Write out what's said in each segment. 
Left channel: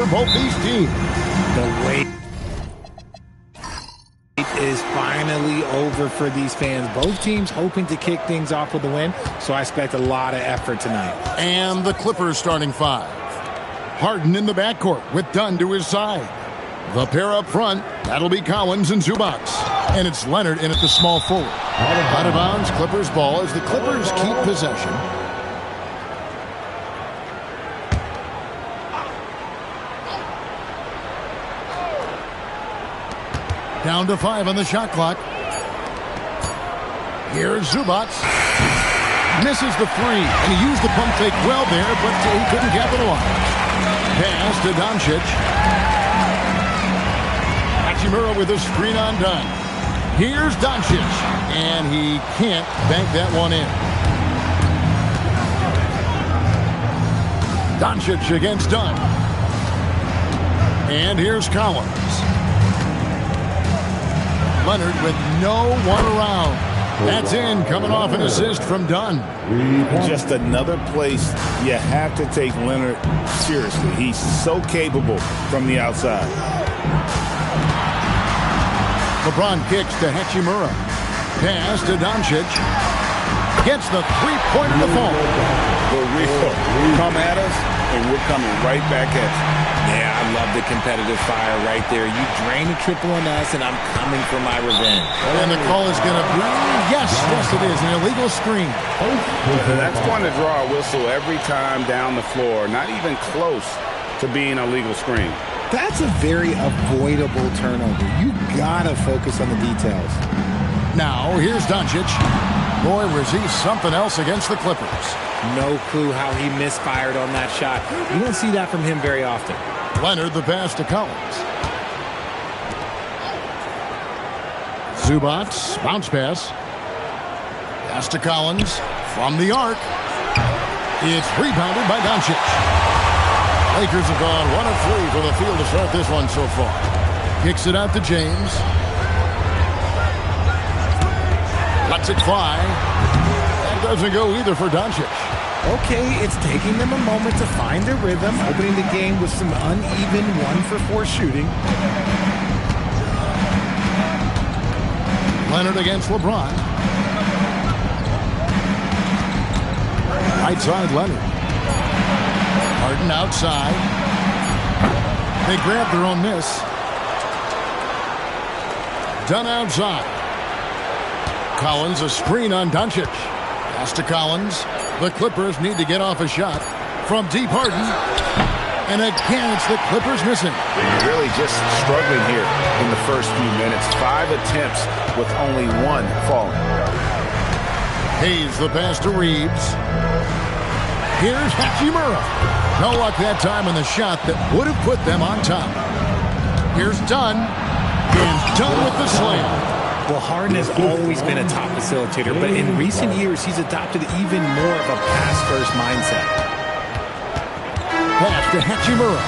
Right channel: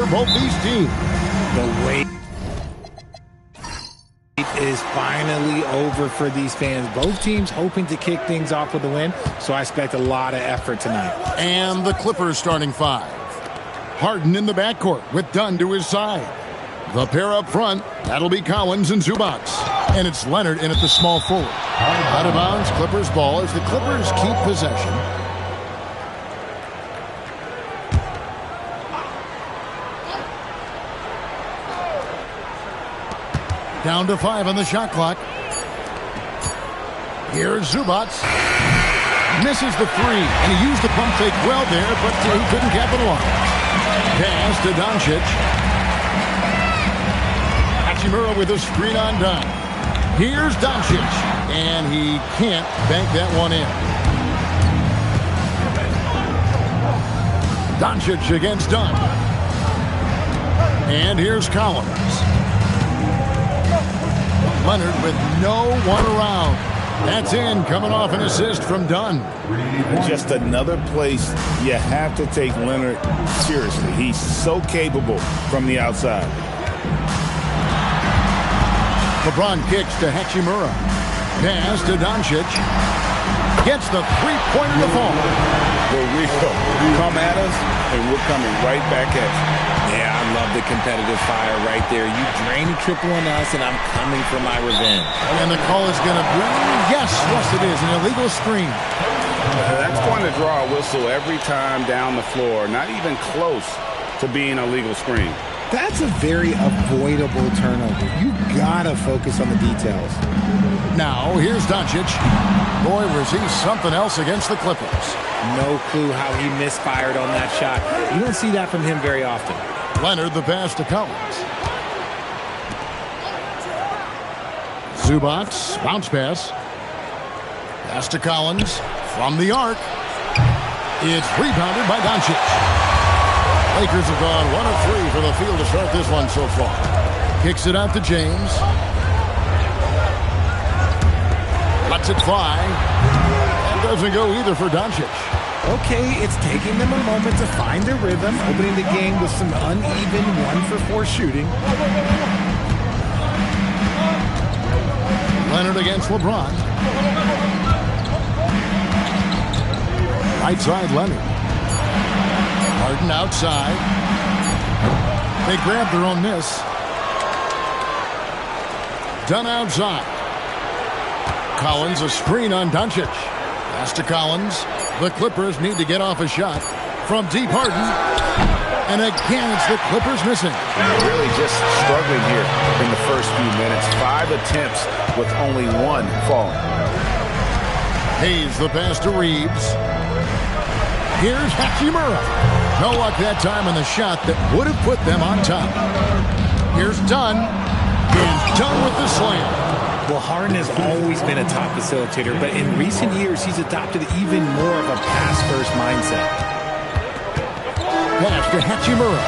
for both these teams. The wait is finally over for these fans. Both teams hoping to kick things off with a win, so I expect a lot of effort tonight. And the Clippers starting five. Harden in the backcourt with Dunn to his side. The pair up front, that'll be Collins and Zubac. And it's Leonard in at the small forward. Out of bounds, Clippers ball as the Clippers keep possession. Down to 5 on the shot clock. Here's Zubac. Misses the 3, and he used the pump fake well there, but he couldn't capitalize. Pass to Doncic. Hachimura with a screen on Dunn. Here's Doncic, and he can't bank that one in. Doncic against Dunn. And here's Collins. Leonard with no one around. That's in, coming off an assist from Dunn. Just another place you have to take Leonard seriously. He's so capable from the outside. LeBron kicks to Hachimura. Pass to Doncic. Gets the three-pointer to fall. For real. Come at us, and we're coming right back at you. Yeah, I love the competitive fire right there. You drain a triple on us, and I'm coming for my revenge. And the call is going to be, yes, it is, an illegal screen. That's going to draw a whistle every time down the floor. Not even close to being a legal screen. That's a very avoidable turnover. You got to focus on the details. Now, here's Doncic. Boy, was he something else against the Clippers. No clue how he misfired on that shot. You don't see that from him very often. Leonard, the pass to Collins. Zubac, bounce pass. Pass to Collins from the arc. It's rebounded by Doncic. Lakers have gone 1 of 3 from the field to start this one so far. Kicks it out to James. Lets it fly. And doesn't go either for Doncic. Okay, it's taking them a moment to find their rhythm, opening the game with some uneven 1 for 4 shooting. Leonard against LeBron. Right side, Leonard. Harden outside. They grab their own miss. Dunn outside. Collins, a screen on Doncic. Pass to Collins. The Clippers need to get off a shot from deep. Harden. And again, it's the Clippers missing. Really just struggling here in the first few minutes. 5 attempts with only 1 falling. Hayes, the pass to Reeves. Here's Hachimura. No luck that time in the shot that would have put them on top. Here's Dunn. And Dunn with the slam. Well, Harden has always been a top facilitator, but in recent years, he's adopted even more of a pass-first mindset. Pass to Hachimura.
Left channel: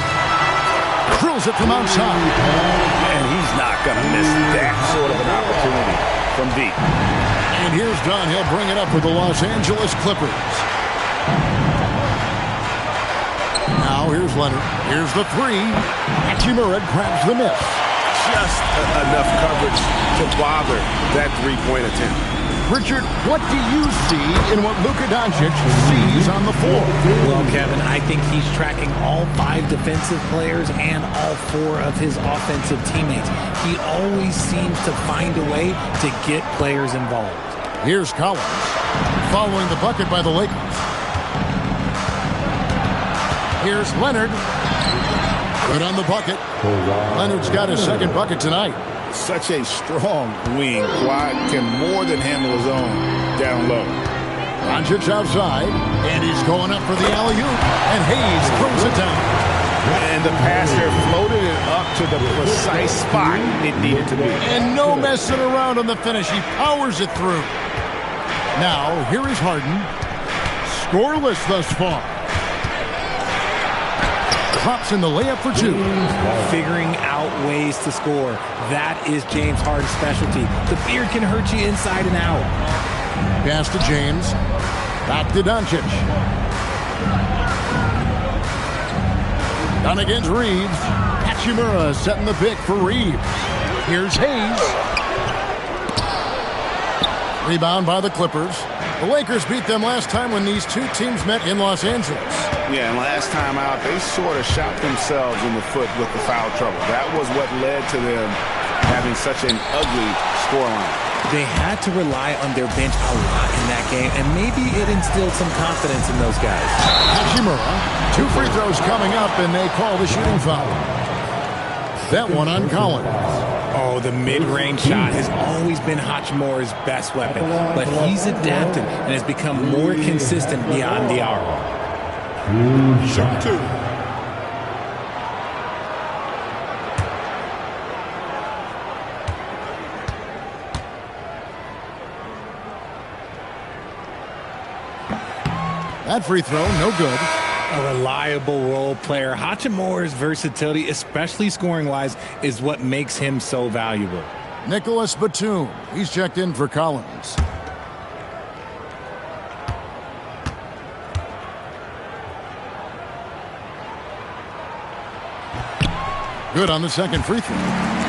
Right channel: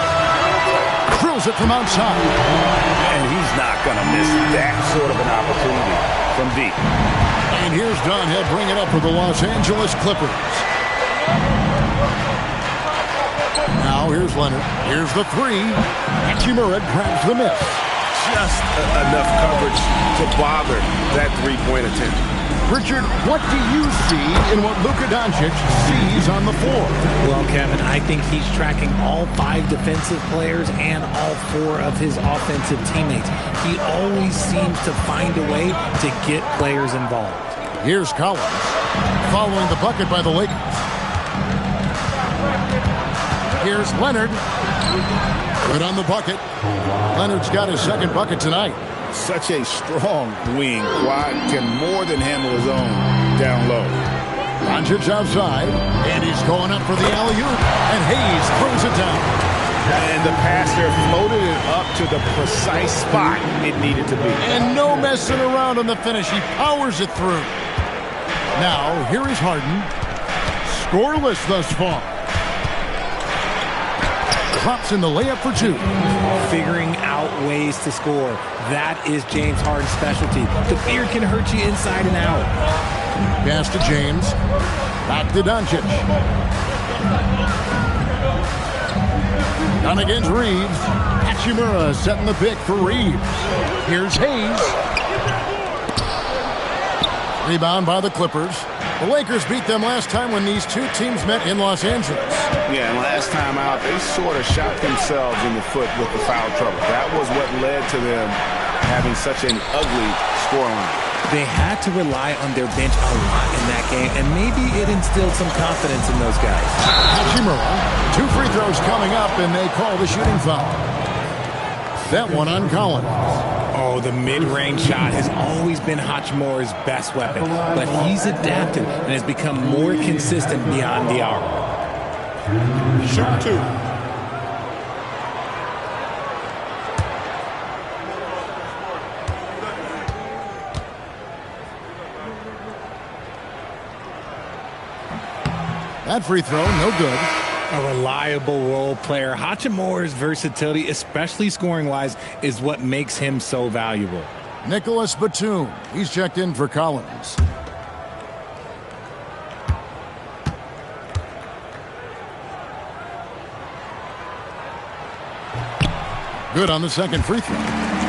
Drills it from outside. And he's not going to miss that sort of an opportunity from deep. And here's Dunn. He'll bring it up for the Los Angeles Clippers. Now here's Leonard. Here's the 3. Hachimura grabs the miss. Just enough coverage to bother that three-point attempt. Richard, what do you see in what Luka Doncic sees on the floor? Well, Kevin, I think he's tracking all 5 defensive players and all 4 of his offensive teammates. He always seems to find a way to get players involved. Here's Collins, following the bucket by the Lakers. Here's Leonard. Good on the bucket. Leonard's got his second bucket tonight. Such a strong wing. Quad can more than handle his own down low. Doncic outside, and he's going up for the alley-oop, and Hayes throws it down. And the passer floated it up to the precise spot it needed to be. And no messing around on the finish. He powers it through. Now, here is Harden. Scoreless thus far. Drops in the layup for 2. Figuring out ways to score. That is James Harden's specialty. The beard can hurt you inside and out. Pass to James. Back to Doncic. Done against Reeves. Hachimura setting the pick for Reeves. Here's Hayes. Rebound by the Clippers. The Lakers beat them last time when these two teams met in Los Angeles. Yeah, and last time out, they sort of shot themselves in the foot with the foul trouble. That was what led to them having such an ugly scoreline. They had to rely on their bench a lot in that game, and maybe it instilled some confidence in those guys. Hachimura, 2 free throws coming up, and they call the shooting foul. That one on Collins. Oh, the mid-range shot has always been Hachimura's best weapon, but he's adapted and has become more consistent beyond the arc. Shoot 2. That free throw, no good. A reliable role player. Hachimura's versatility, especially scoring-wise, is what makes him so valuable. Nicholas Batum. He's checked in for Collins. Good on the second free throw.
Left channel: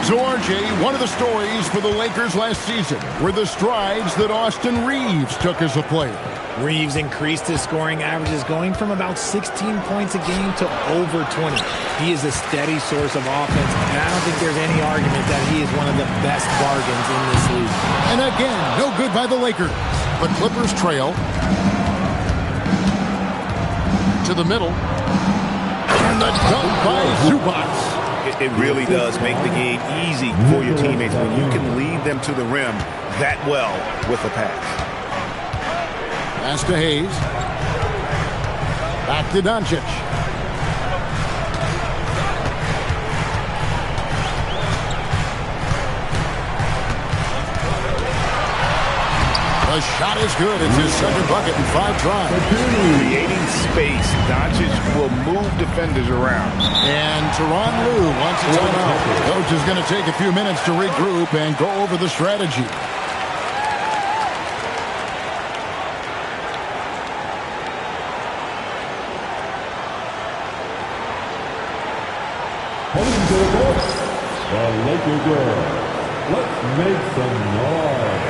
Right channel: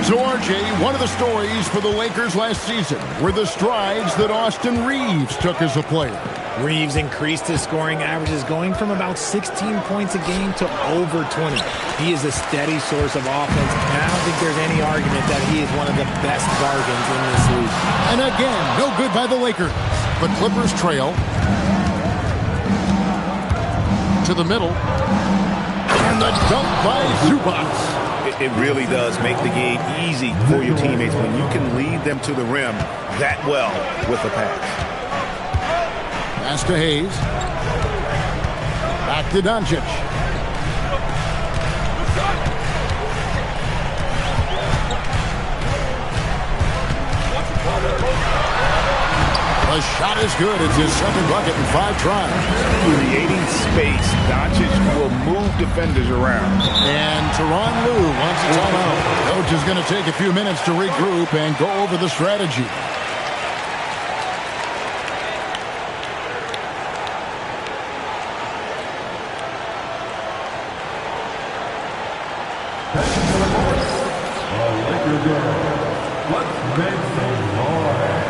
So, RJ, one of the stories for the Lakers last season were the strides that Austin Reeves took as a player. Reeves increased his scoring averages, going from about 16 points a game to over 20. He is a steady source of offense, and I don't think there's any argument that he is one of the best bargains in this league. And again, no good by the Lakers. The Clippers trail. To the middle. And the dunk by Zubac. It really does make the game easy for your teammates when you can lead them to the rim that well with a pass. Pass to Hayes. Back to Doncic. The shot is good. It's his second bucket in 5 tries. Creating space. Doncic will move defenders around. And Tyronn Lue wants a timeout. Coach is going to take a few minutes to regroup and go over the strategy. Lakers girls, let's make some noise.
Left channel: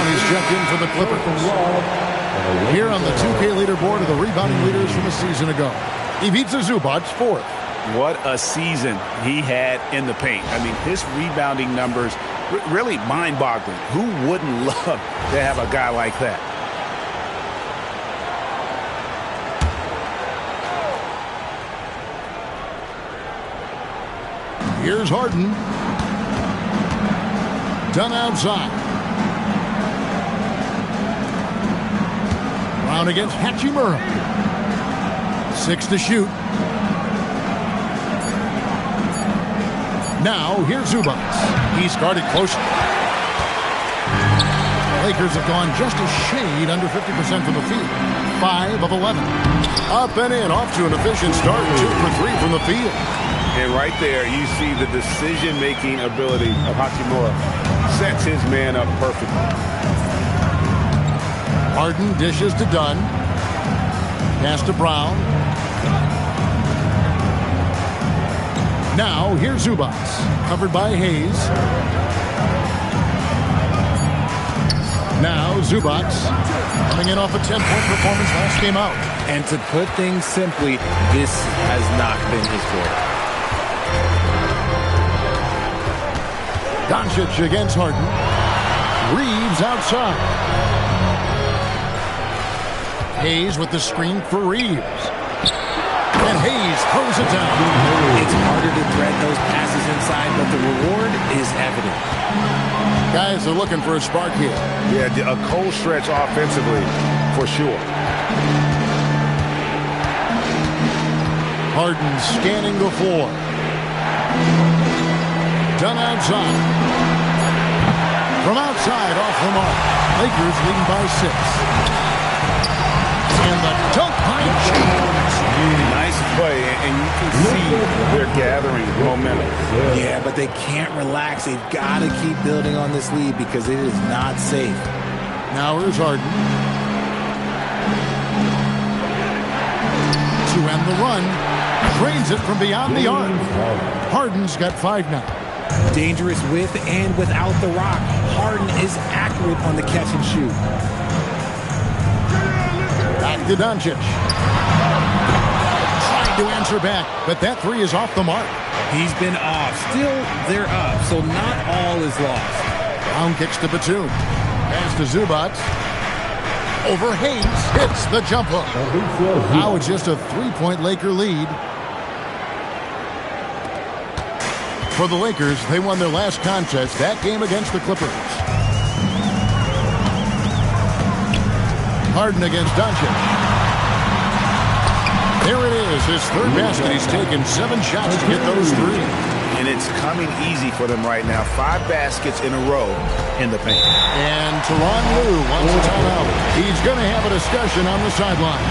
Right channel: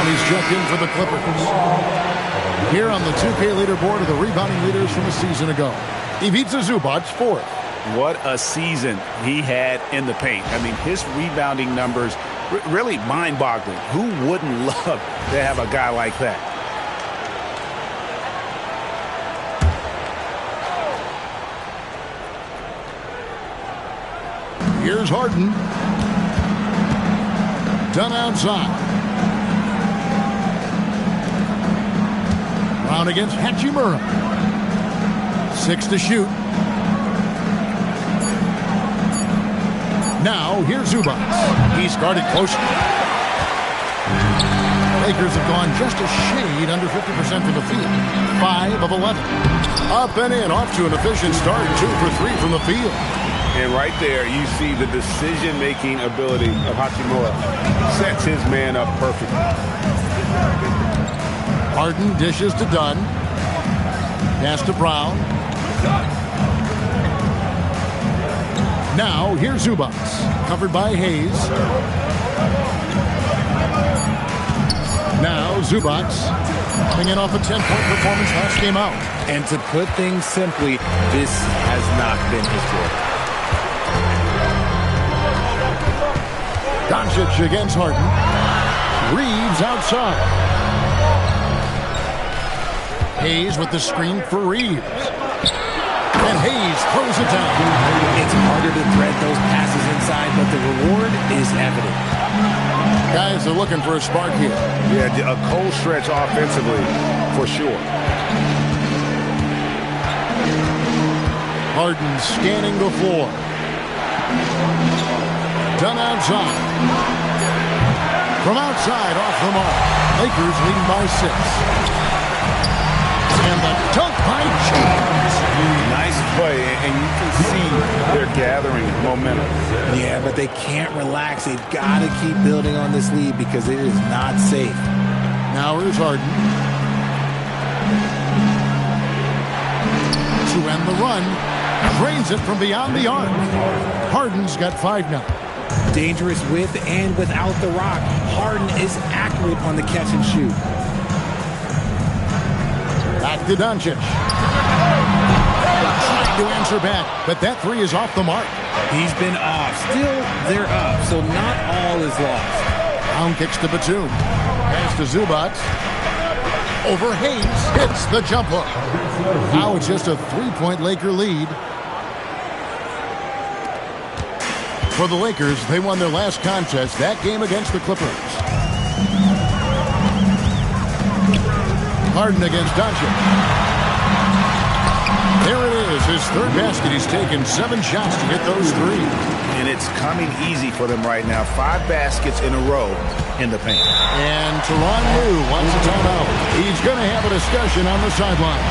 He's checked in for the Clippers. Here on the 2K leaderboard are the rebounding leaders from a season ago. Ivica Zubac, 4th. What a season he had in the paint. I mean, his rebounding numbers, really mind-boggling. Who wouldn't love to have a guy like that? Here's Harden. Done outside. Brown against Hachimura. 6 to shoot. Now, here's Zubac. He's guarded closely. Lakers have gone just a shade under 50% from the field. 5 of 11. Up and in, off to an efficient start. 2 for 3 from the field. And right there, you see the decision-making ability of Hachimura. Sets his man up perfectly. Harden dishes to Dunn. Pass to Brown. Now, here's Zubac. Covered by Hayes. Now Zubac coming in off a 10-point performance last game out. And to put things simply, this has not been his quarter. Doncic against Harden. Reeves outside. Hayes with the screen for Reeves. And Hayes throws it down. It's harder to thread those passes inside, but the reward is evident. Guys are looking for a spark here. Yeah, a cold stretch offensively for sure. Harden scanning the floor. Done outside. From outside, off the mark. Lakers leading by 6. And the dunk by James. Nice play, and you can see they're gathering momentum. Yeah, but they can't relax. They've got to keep building on this lead because it is not safe. Now here's Harden. To end the run. Drains it from beyond the arc. Harden's got 5 now. Dangerous with and without the rock. Harden is accurate on the catch and shoot. Back to Doncic. Trying to answer back, but that 3 is off the mark. He's been off. Still, they're up, so not all is lost. Brown kicks to Batum. Pass to Zubac. Over Hayes. Hits the jump hook. Now it's just a 3-point Laker lead. For the Lakers, they won their last contest, that game against the Clippers. Harden against Doncic. There it is, his 3rd basket. He's taken 7 shots to get those 3. And it's coming easy for them right now. 5 baskets in a row in the paint. And Tyronn Lue wants a timeout. He's going to have a discussion on the sideline.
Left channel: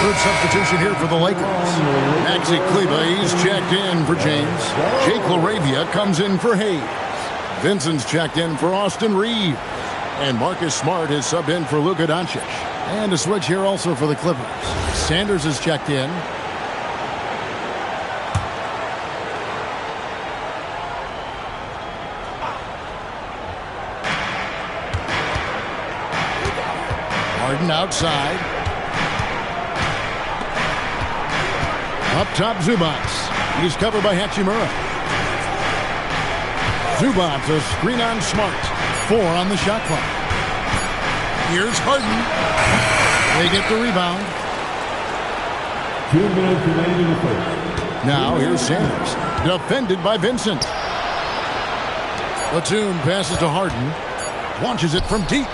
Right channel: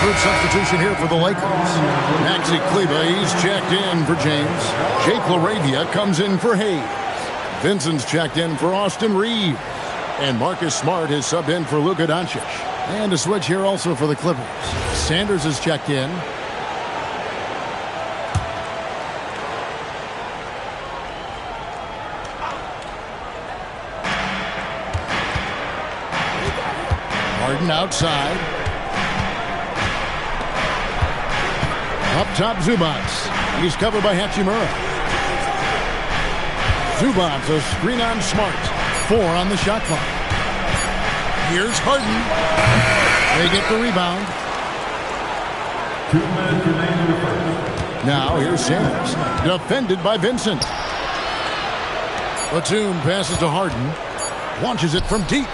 Group substitution here for the Lakers. Maxi Kleber, he's checked in for James. Jake LaRavia comes in for Hayes. Vincent's checked in for Austin Reeves. And Marcus Smart is subbed in for Luka Doncic. And a switch here also for the Clippers. Sanders is checked in. Harden outside. Up top, Zubac. He's covered by Hachimura. Zubac, a screen on Smart. 4 on the shot clock. Here's Harden. They get the rebound. 2 minutes remaining in the first. Now here's Sanders. Defended by Vincent. Batum passes to Harden. Launches it from deep.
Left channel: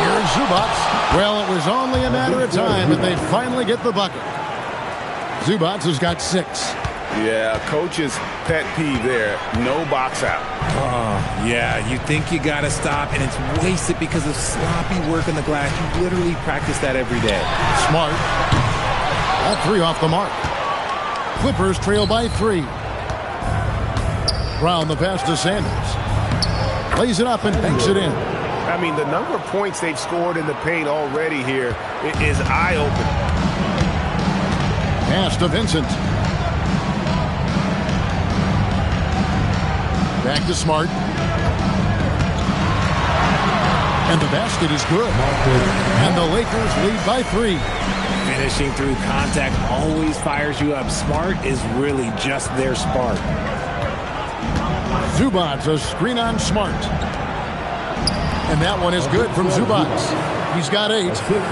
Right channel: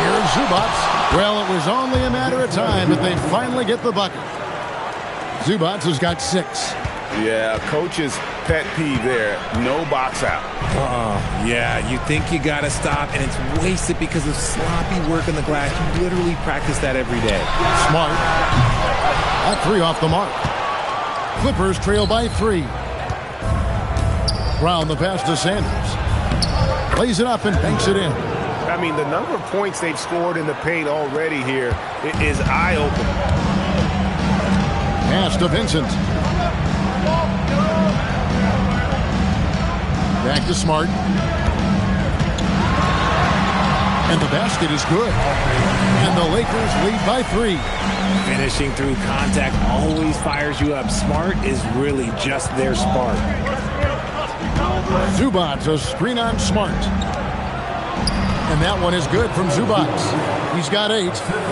Here's Zubac. Well, it was only a matter of time, but they finally get the bucket. Zubac has got 6. Yeah, coach's pet peeve there. No box out. Yeah, you think you got to stop, and it's wasted because of sloppy work on the glass. You literally practice that every day. Smart. That 3 off the mark. Clippers trail by 3. Brown the pass to Sanders. Lays it up and banks it in. I mean, the number of points they've scored in the paint already here is eye-opening. Pass to Vincent. Back to Smart. And the basket is good. And the Lakers lead by 3. Finishing through contact always fires you up. Smart is really just their spark. Zubac, a screen on Smart. And that one is good from Zubac. He's got 8.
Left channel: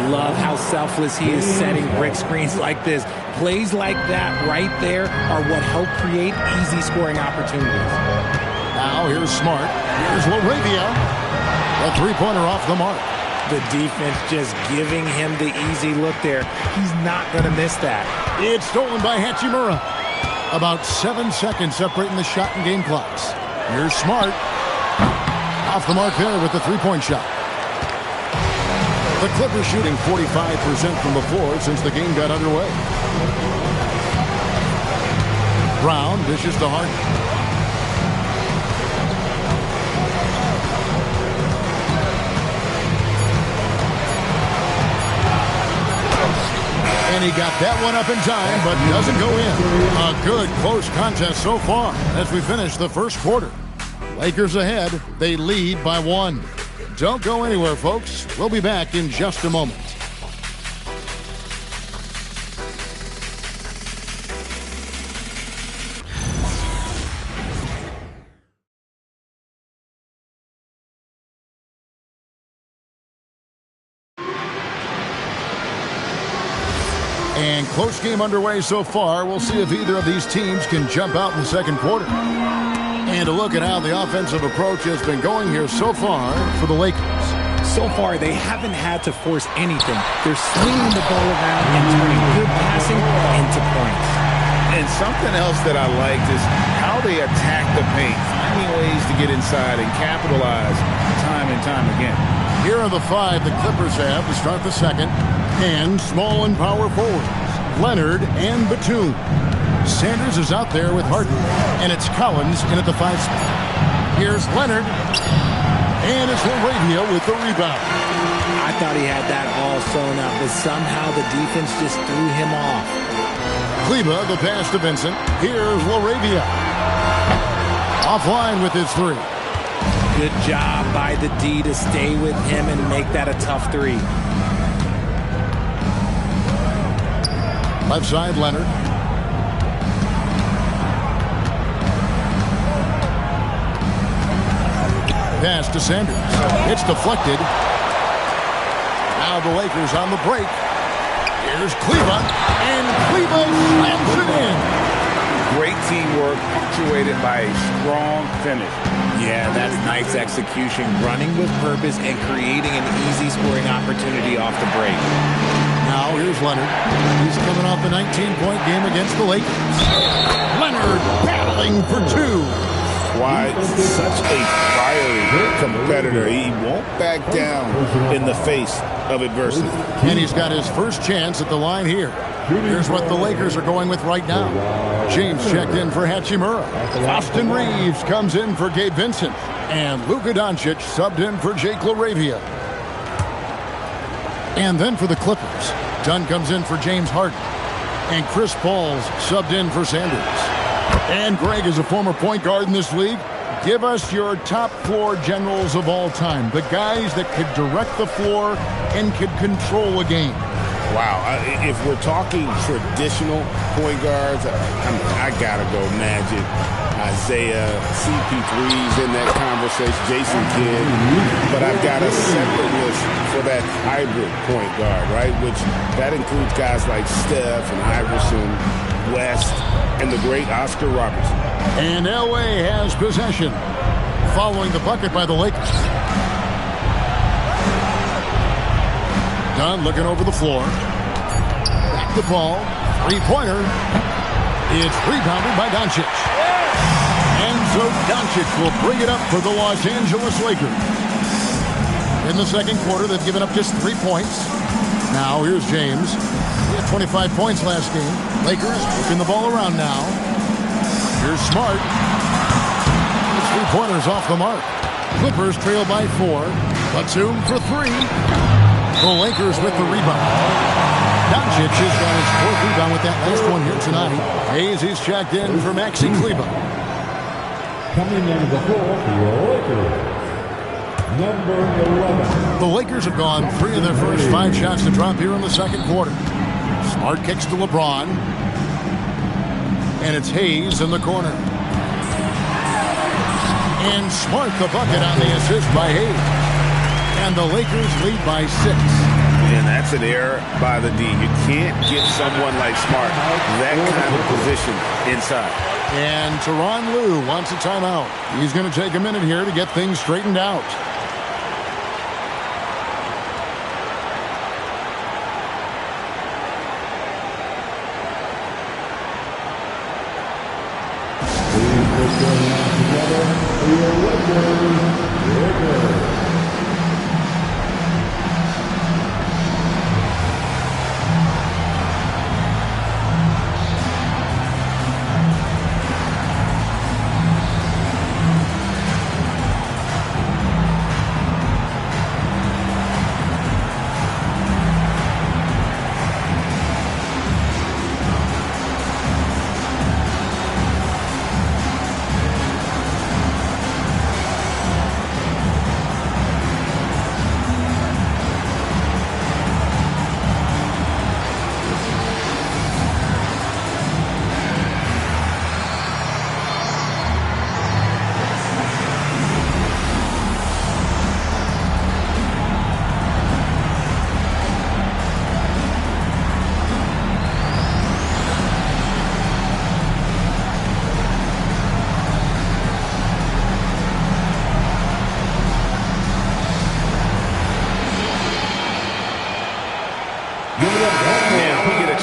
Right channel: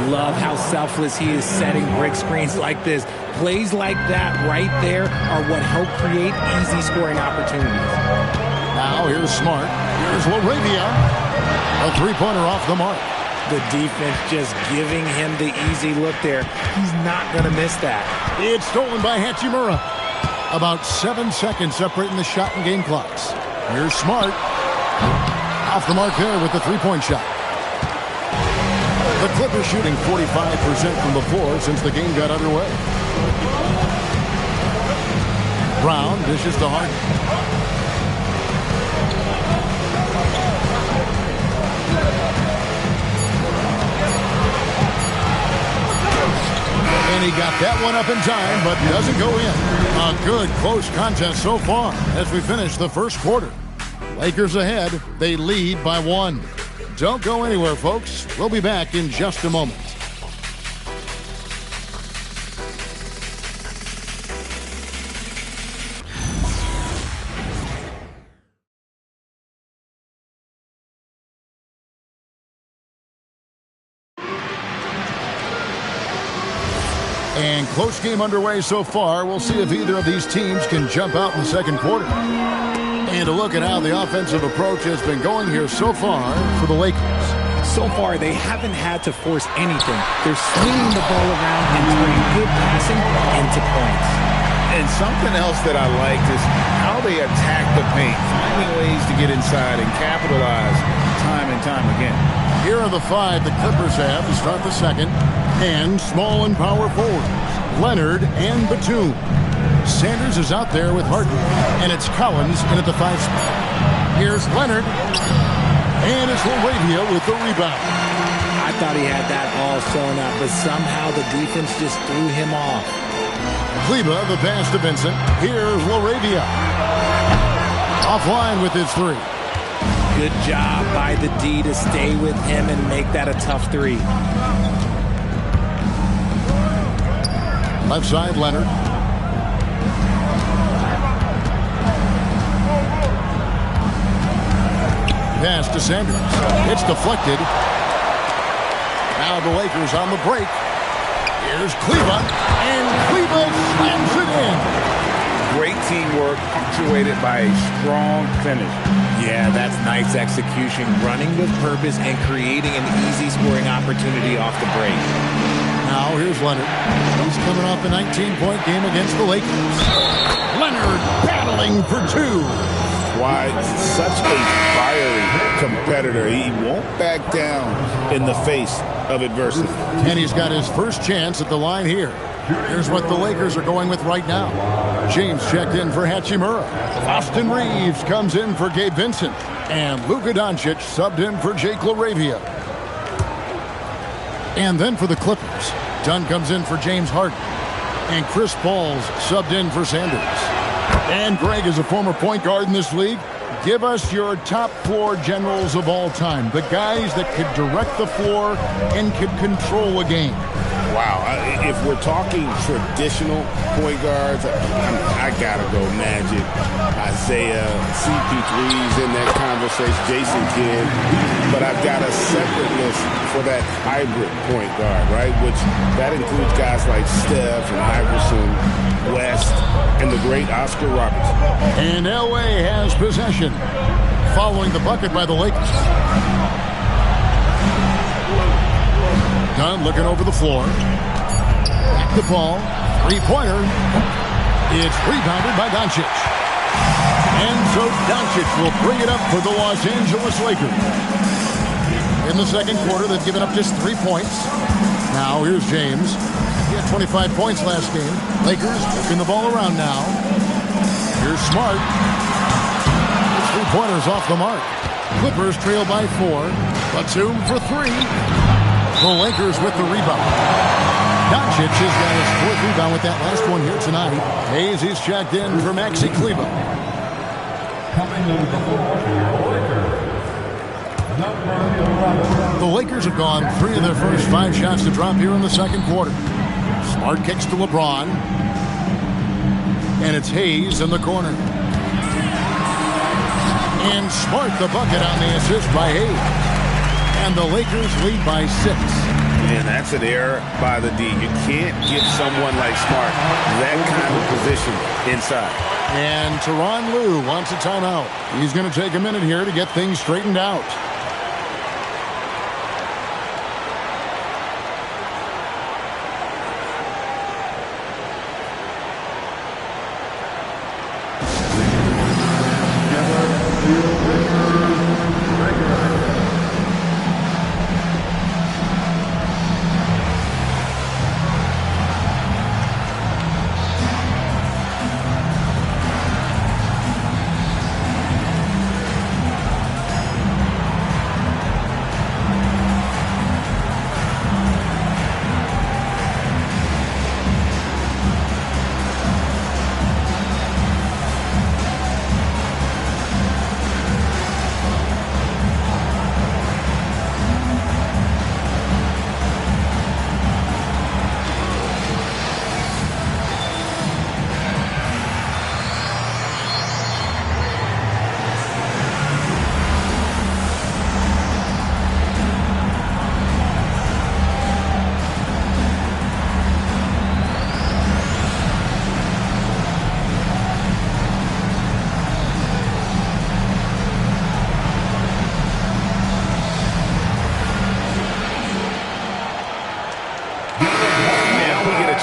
Love how selfless he is setting brick screens like this. Plays like that right there are what help create easy scoring opportunities. Now here's Smart. Here's LaRavia. A three-pointer off the mark. The defense just giving him the easy look there. He's not going to miss that. It's stolen by Hachimura. About 7 seconds separating the shot and game clocks. Here's Smart. Off the mark there with the three-point shot. The Clippers shooting 45% from the floor since the game got underway. Brown dishes to Harden. And he got that one up in time, but doesn't go in. A good, close contest so far as we finish the first quarter. Lakers ahead. They lead by 1. Don't go anywhere, folks. We'll be back in just a moment. And close game underway so far. We'll see if either of these teams can jump out in the second quarter. And a look at how the offensive approach has been going here so far for the Lakers. So far, they haven't had to force anything. They're swinging the ball around and turning good passing into points. And something else that I liked is how they attack the paint, finding ways to get inside and capitalize time and time again. Here are the 5 the Clippers have to start the second. And small and power forwards, Leonard and Batum. Sanders is out there with Harden, and it's Collins in at the 5 spot. Here's Leonard, and it's LaRavia with the rebound. I thought he had that all sewn up, but somehow the defense just threw him off. Kleba, the pass to Vincent. Here's LaRavia. Offline with his 3. Good job by the D to stay with him and make that a tough 3. Left side, Leonard. Pass to Sanders. It's deflected. Now the Lakers on the break. Here's Kleba, and Kleba slams it in. Great teamwork, punctuated by a strong finish. Yeah, that's nice execution, running with purpose and creating an easy scoring opportunity off the break. Now here's Leonard. He's coming off a 19-point game against the Lakers. Leonard battling for 2. Why, such a fiery competitor. He won't back down in the face of adversity. And he's got his first chance at the line here. Here's what the Lakers are going with right now. James checked in for Hachimura. Austin Reeves comes in for Gabe Vincent. And Luka Doncic subbed in for Jake LaRavia. And then for the Clippers, Dunn comes in for James Harden. And Chris Paul's subbed in for Sanders. And Greg is a former point guard in this league. Give us your top floor generals of all time. The guys that could direct the floor and could control a game. Wow. If we're talking traditional point guards, I got to go Magic, Isaiah, CP3's in that conversation, Jason Kidd. But I've got a separate list for that hybrid point guard, right? Which that includes guys like Steph and Iverson, West, and the great Oscar Robertson. And Elway has possession following the bucket by the Lakers. Dunn looking over the floor. Back the ball. Three-pointer. It's rebounded by Doncic. And so Doncic will bring it up for the Los Angeles Lakers. In the second quarter, they've given up just 3 points. Now here's James. He had 25 points last game. Lakers working the ball around now. Here's Smart. His three-pointers off the mark. Clippers trail by 4. Batum for 3. The Lakers with the rebound. Doncic has got his 4th rebound with that last one here tonight. Hayes, he's checked in for Maxi Kleba. Coming into the floor for your Lakers, number 11. The Lakers have gone 3 of their first 5 shots to drop here in the second quarter. Smart kicks to LeBron. And it's Hayes in the corner. And Smart the bucket on the assist by Hayes. And the Lakers lead by 6. And that's an error by the D. You can't give someone like Smart that kind of position inside. And Tyronn Lue wants a timeout. He's going to take a minute here to get things straightened out.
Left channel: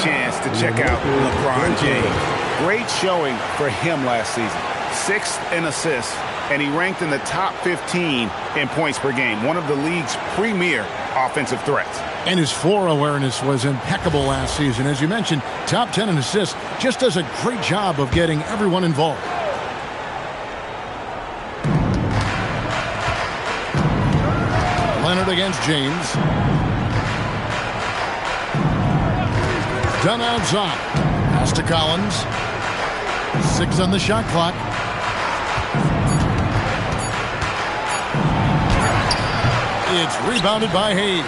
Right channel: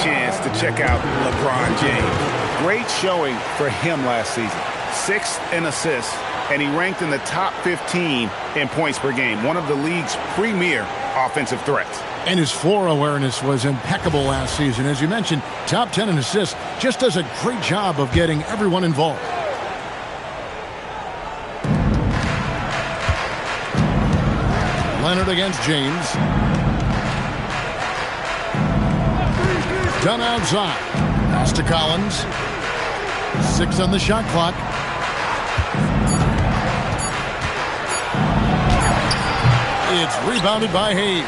Chance to check out LeBron James. Great showing for him last season. 6th in assists, and he ranked in the top 15 in points per game. One of the league's premier offensive threats. And his floor awareness was impeccable last season. As you mentioned, top 10 in assists. Just does a great job of getting everyone involved. Leonard against James. Done outside. Pass to Collins. 6 on the shot clock. It's rebounded by Hayes.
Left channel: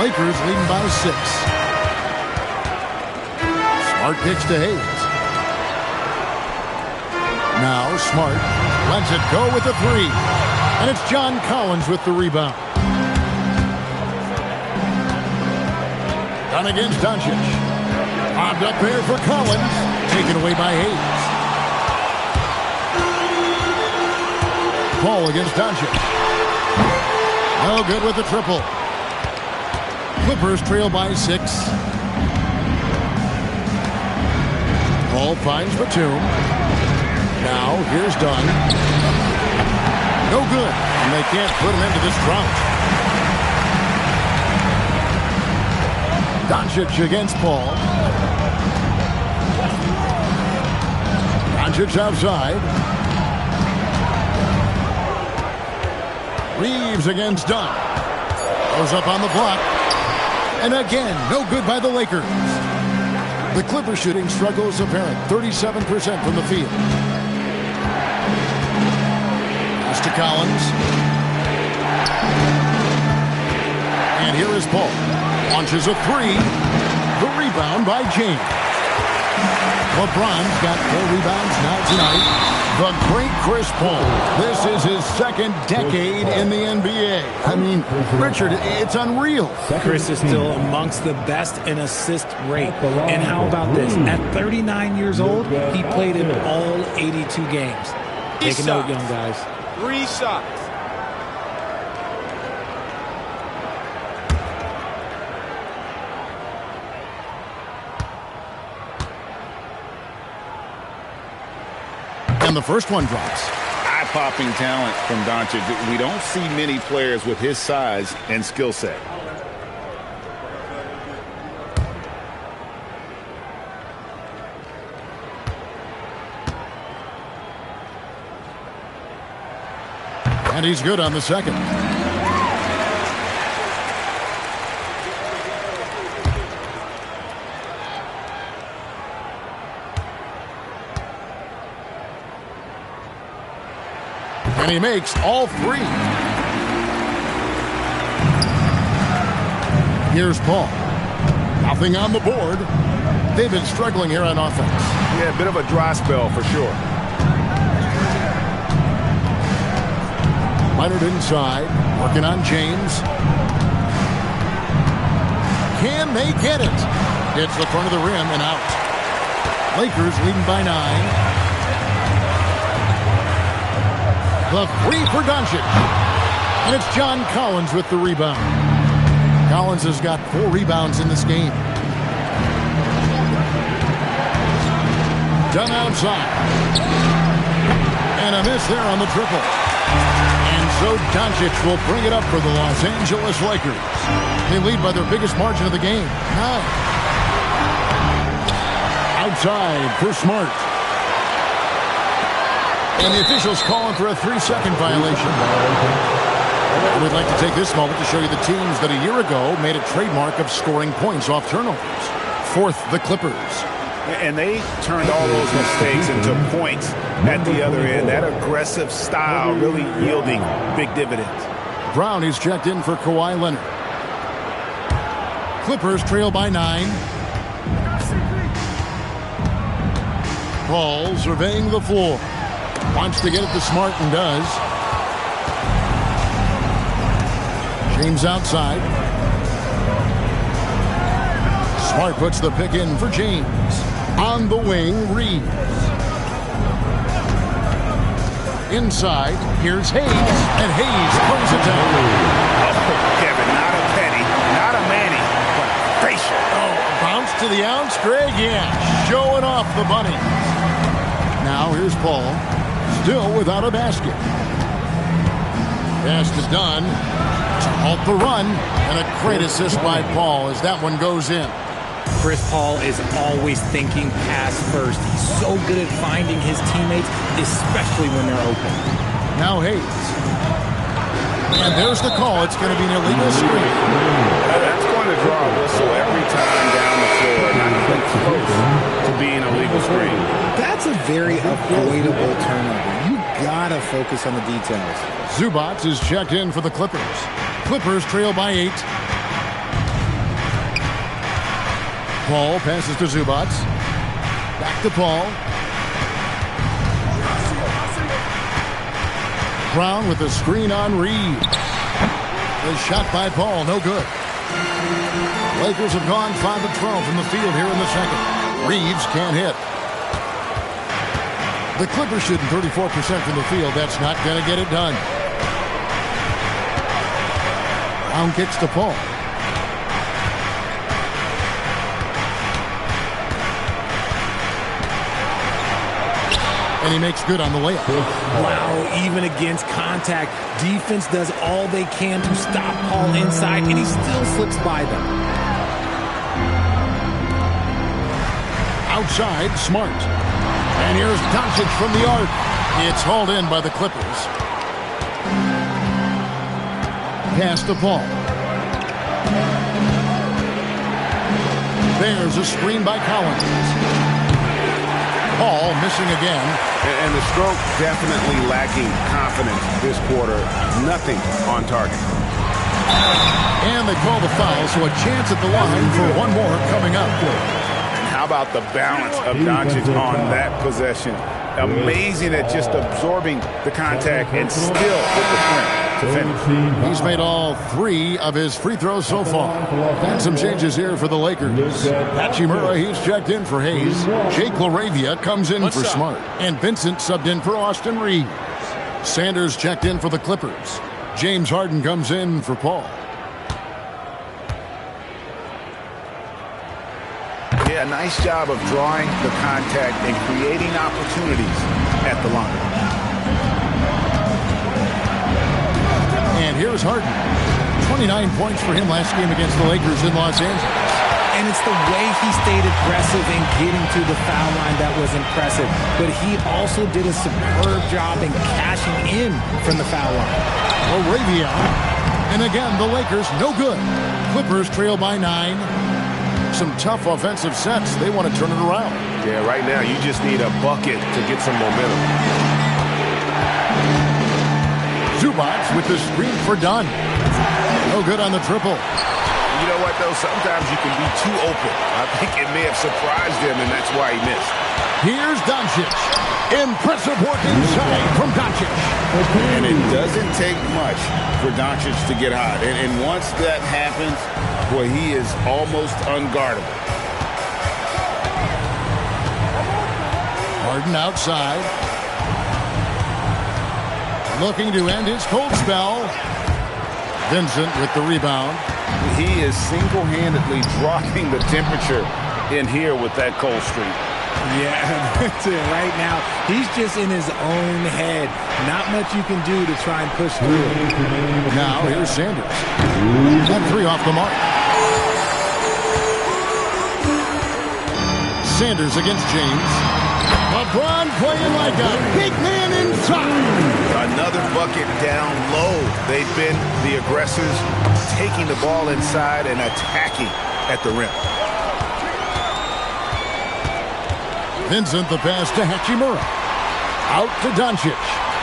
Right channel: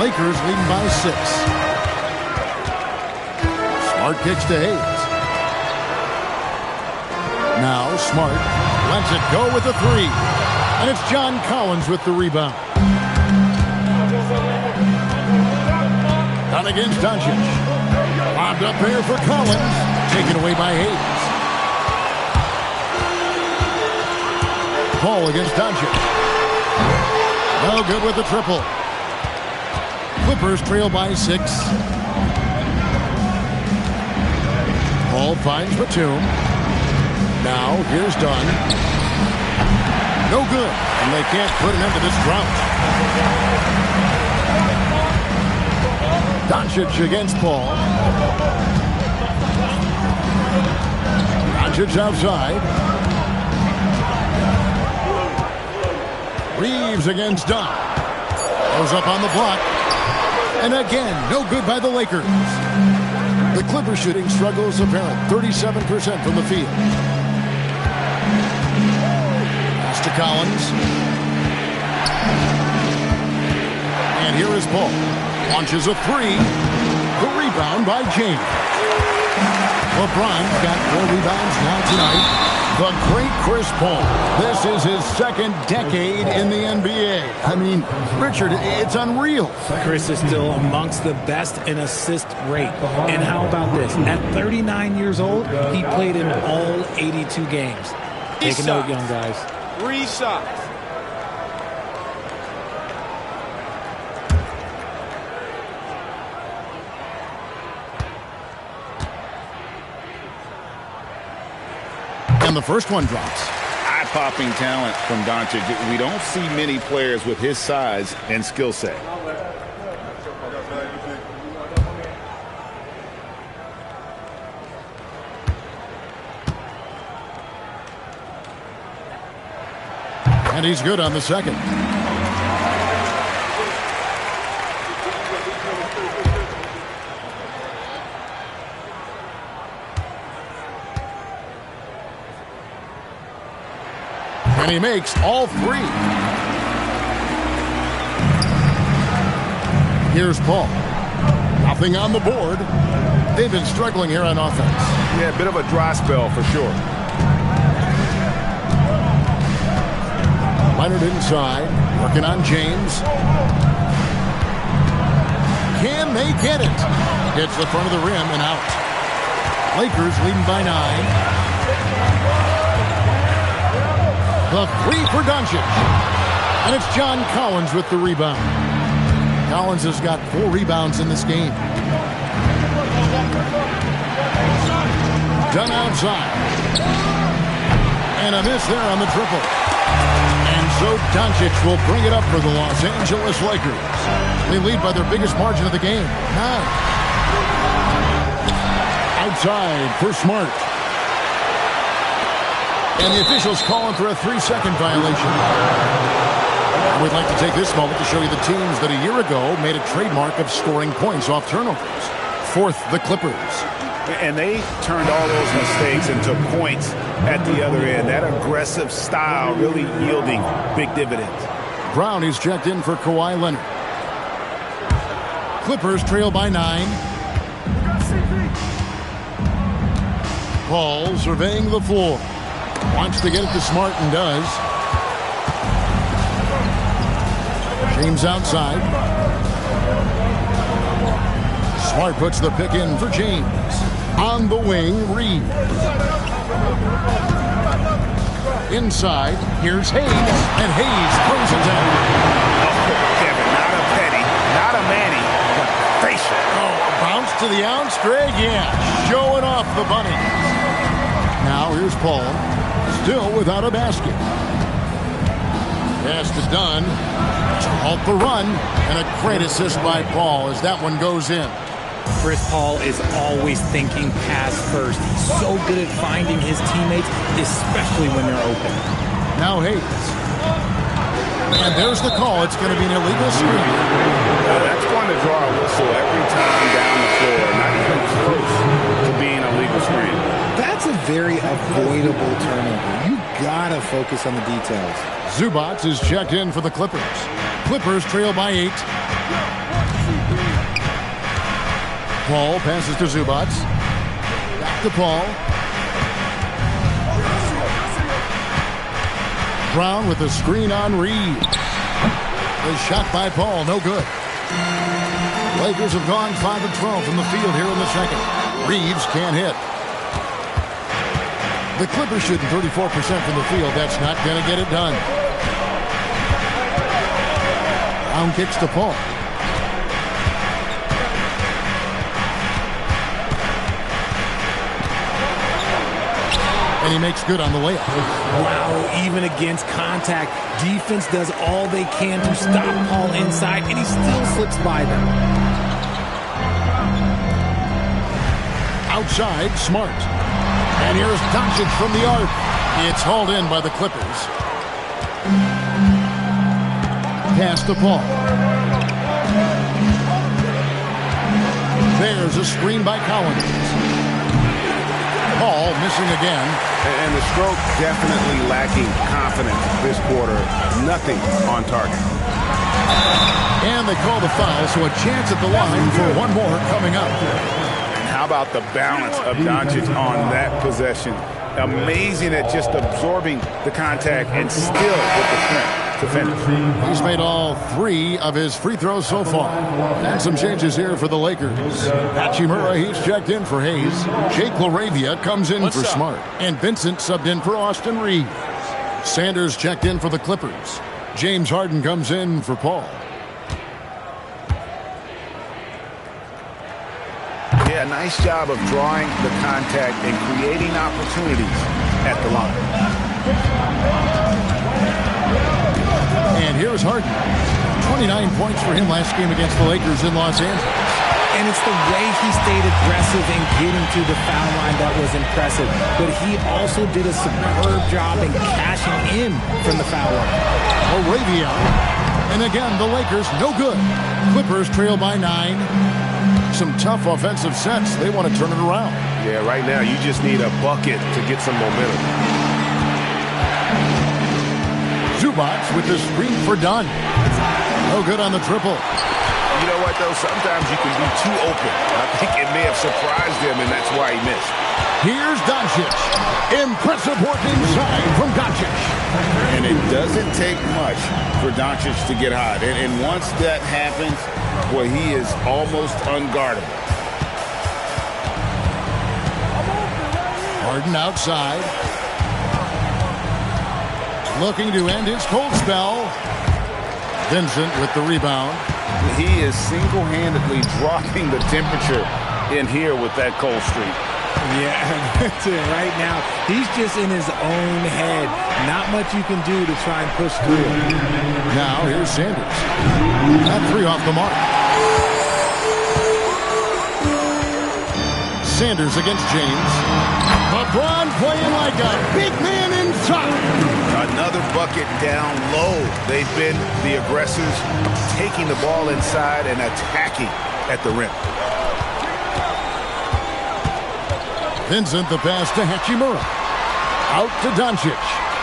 Lakers leading by 6. Smart kicks to Hayes. Now Smart lets it go with a 3. And it's John Collins with the rebound. Done against Doncic. Lobbed up there for Collins. Taken away by Hayes. Paul against Doncic. No good with the triple. Clippers trail by 6. Paul finds Batum. Now here's Dunn. No good. And they can't put an end to this drought. Doncic against Paul. Doncic outside. Reeves against Dunn. Goes up on the block. And again, no good by the Lakers. The Clippers shooting struggles apparent. 37% from the field. Pass to Collins. And here is Paul. Launches a 3. The rebound by James. LeBron's got 4 rebounds now tonight. The great Chris Paul. This is his 2nd decade in the NBA. I mean, Richard, it's unreal. Chris is still amongst the best in assist rate. And how about this? At 39 years old, he played in all 82 games. Take a note, young guys. 3 shots. And the first one drops. Eye-popping talent from Doncic. We don't see many players with his size and skill set. And he's good on the second. And he makes all three. Here's Paul. Nothing on the board. They've been struggling here on offense. Yeah, a bit of a dry spell for sure. Leonard inside, working on James. Can they get it? Hits the front of the rim and out. Lakers leading by 9. The three for Doncic. And it's John Collins with the rebound. Collins has got 4 rebounds in this game. Done outside. And a miss there on the triple. And so Doncic will bring it up for the Los Angeles Lakers. They lead by their biggest margin of the game, 9. Outside for Smart. And the officials calling for a 3-second violation. We'd like to take this moment to show you the teams that a year ago made a trademark of scoring points off turnovers. 4th, the Clippers. And they turned all those mistakes into points at the other end. That aggressive style really yielding big dividends. Brown is checked in for Kawhi Leonard. Clippers trail by 9. Paul surveying the floor. Wants to get it to Smart and does. James outside. Smart puts the pick in for James. On the wing, Reeves. Inside, here's Hayes, and Hayes throws it down. Oh, Kevin, not a Petty, not a Manny, but a facial. Oh, a bounce to the ounce, Greg? Yeah, showing off the bunnies. Now here's Paul, still without a basket. Pass to Dunn to halt the run, and a great assist by Paul as that one goes in. Chris Paul is always thinking pass first. He's so good at finding his teammates, especially when they're open. Now Hayes. And there's the call. It's going to be an illegal screen. That's going to draw a whistle every time down the floor. Not even close to being a legal screen. That's a very avoidable turnover. You got to focus on the details. Zubac is checked in for the Clippers. Clippers trail by 8. Paul passes to Zubac. Back to Paul. Brown with a screen on Reeves. The shot by Paul, no good. Lakers have gone 5 of 12 from the field here in the second. Reeves can't hit. The Clippers shooting 34% from the field. That's not going to get it done. Brown kicks to Paul. And he makes good on the layup. Wow, even against contact, defense does all they can to stop Paul inside, and he still slips by them. Outside, Smart. And here's Doncic from the arc. It's hauled in by the Clippers. Pass to Paul. There's a screen by Collins. Paul missing again. And the stroke definitely lacking confidence this quarter. Nothing on target. And they call the foul, so a chance at the line for one more coming up. And how about the balance of Doncic on that possession? Amazing at just absorbing the contact and still with the strength to finish. He's made all 3 of his free throws so far. And some changes here for the Lakers. Hachimura, he's checked in for Hayes. Jake LaRavia comes in for Smart. And Vincent subbed in for Austin Reeves. Sanders checked in for the Clippers. James Harden comes in for Paul. Yeah, nice job of drawing the contact and creating opportunities at the line. And here's Harden. 29 points for him last game against the Lakers in Los Angeles. And it's the way he stayed aggressive in getting to the foul line that was impressive. But he also did a superb job in cashing in from the foul line. LaRavia. And again, the Lakers no good. Clippers trail by 9. Some tough offensive sets. They want to turn it around. Yeah, right now you just need a bucket to get some momentum. Zubac with the screen for Dunn. No good on the triple. You know what, though? Sometimes you can be too open. I think it may have surprised him, and that's why he missed. Here's Doncic. Impressive work inside from Doncic. And it doesn't take much for Doncic to get hot. And once that happens, boy, he is almost unguardable. Harden outside. Looking to end his cold spell. Vincent with the rebound. He is single-handedly dropping the temperature in here with that cold streak. Yeah, right now, he's just in his own head. Not much you can do to try and push through it. Now, here's Sanders. That three off the mark. Sanders against James. LeBron playing like a big man inside. Another bucket down low. They've been the aggressors, taking the ball inside and attacking at the rim. Vincent, the pass to Hachimura. Out to Doncic.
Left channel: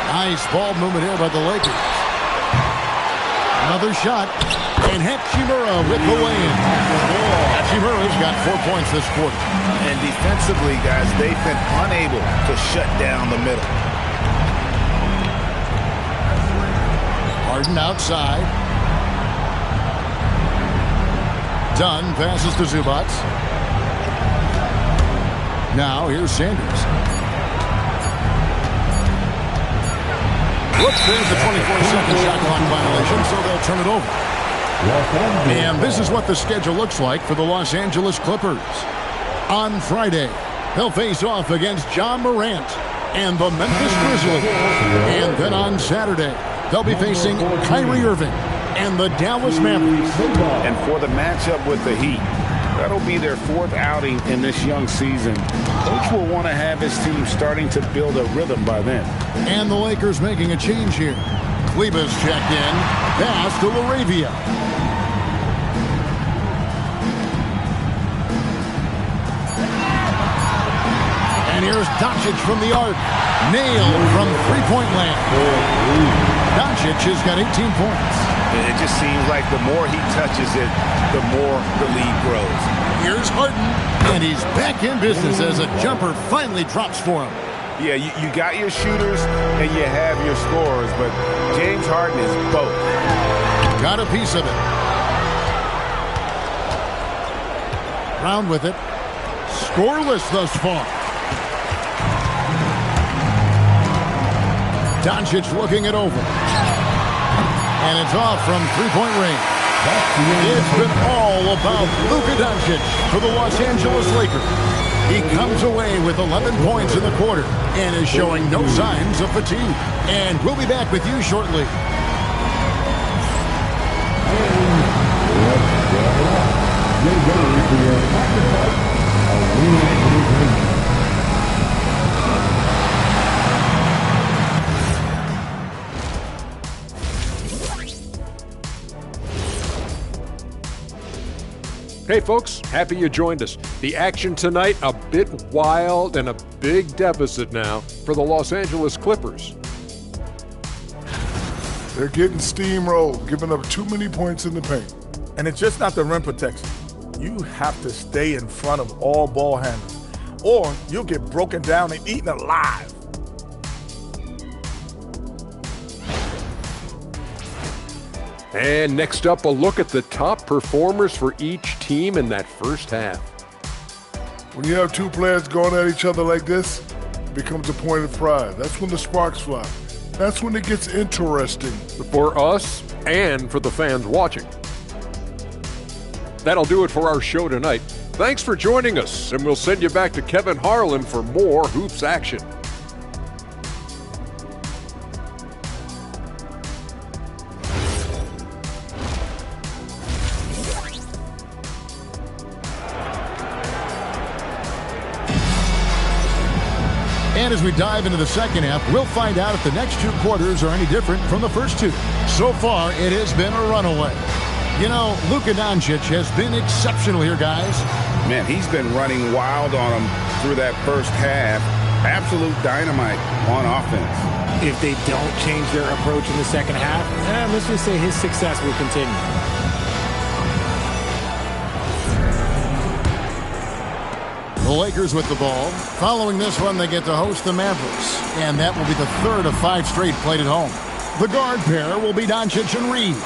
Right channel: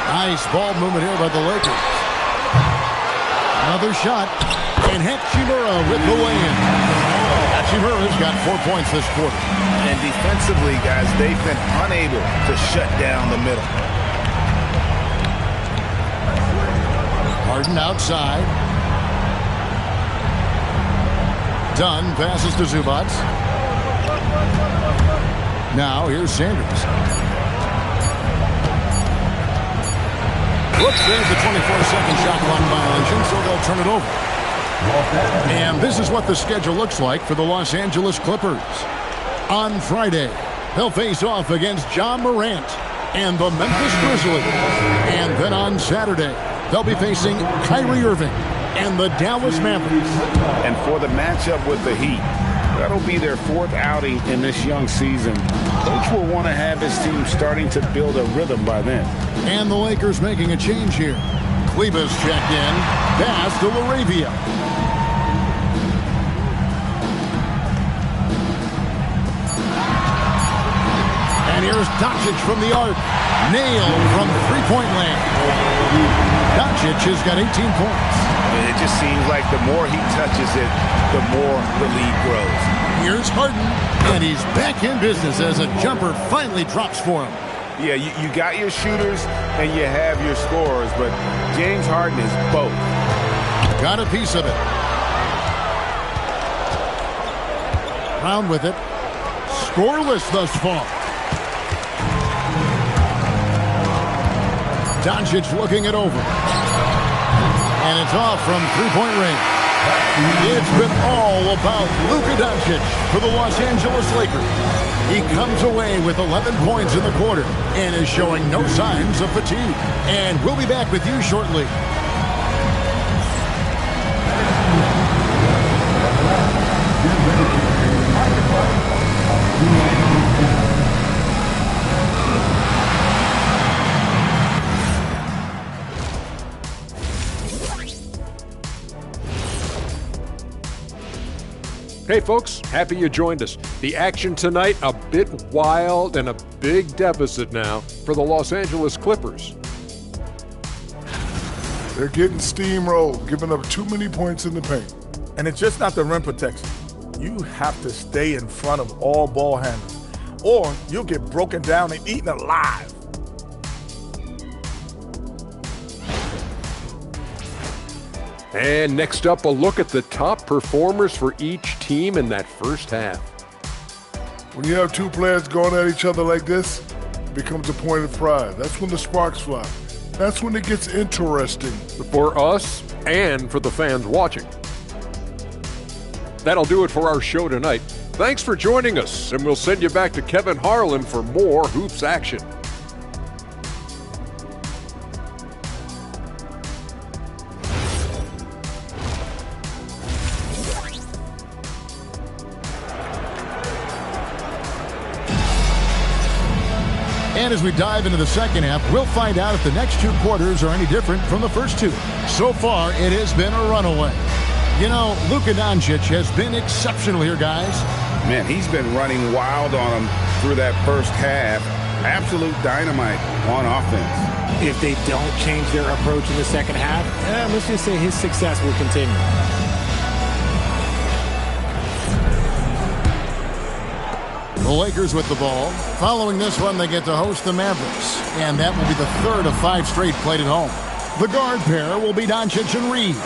Nice ball movement here by the Lakers. Another shot. And Hachimura with the lay-in. Hachimura's got 4 points this quarter. And defensively, guys, they've been unable to shut down the middle. Harden outside. Dunn passes to Zubac. Now here's Sanders. Whoops, there's the 24-second shot clock violation, so they'll turn it over. And this is what the schedule looks like for the Los Angeles Clippers. On Friday, they'll face off against John Morant and the Memphis Grizzlies. And then on Saturday, they'll be facing Kyrie Irving and the Dallas Mavericks. And for the matchup with the Heat, that'll be their fourth outing in this young season. Coach will want to have his team starting to build a rhythm by then. And the Lakers making a change here. Kleba's checked in. Pass to Laravia. And here's Doncic from the arc. Nailed from three-point land. Doncic has got 18 points. It just seems like the more he touches it, the more the lead grows. Here's Harden, and he's back in business as a jumper finally drops for him. Yeah, you got your shooters and you have your scorers, but James Harden is both. Got a piece of it. Brown with it. Scoreless thus far. Doncic looking it over. And it's off from three-point range. It's been all about Luka Doncic for the Los Angeles Lakers. He comes away with 11 points in the quarter and is showing no signs of fatigue. And we'll be back with you shortly. Hey folks, happy you joined us. The action tonight, a bit wild and a big deficit now for the Los Angeles Clippers. They're getting steamrolled, giving up too many points in the paint. And it's just not the rim protection. You have to stay in front of all ball handlers, or you'll get broken down and eaten alive. And next up, a look at the top performers for each team in that first half. When you have two players going at each other like this, it becomes a point of pride. That's when the sparks fly. That's when it gets interesting. For us and for the fans watching. That'll do it for our show tonight. Thanks for joining us, and we'll send you back to Kevin Harlan for more Hoops action. And as we dive into the second half, we'll find out if the next two quarters are any different from the first two. So far, it has been a runaway. You know, Luka Doncic has been exceptional here, guys. Man, he's been running wild on them through that first half. Absolute dynamite on offense. If they don't change their approach in the second half, let's just say his success will continue. The Lakers with the ball. Following this one, they get to host the Mavericks. And that will be the third of 5 straight played at home. The guard pair will be Doncic and Reeves.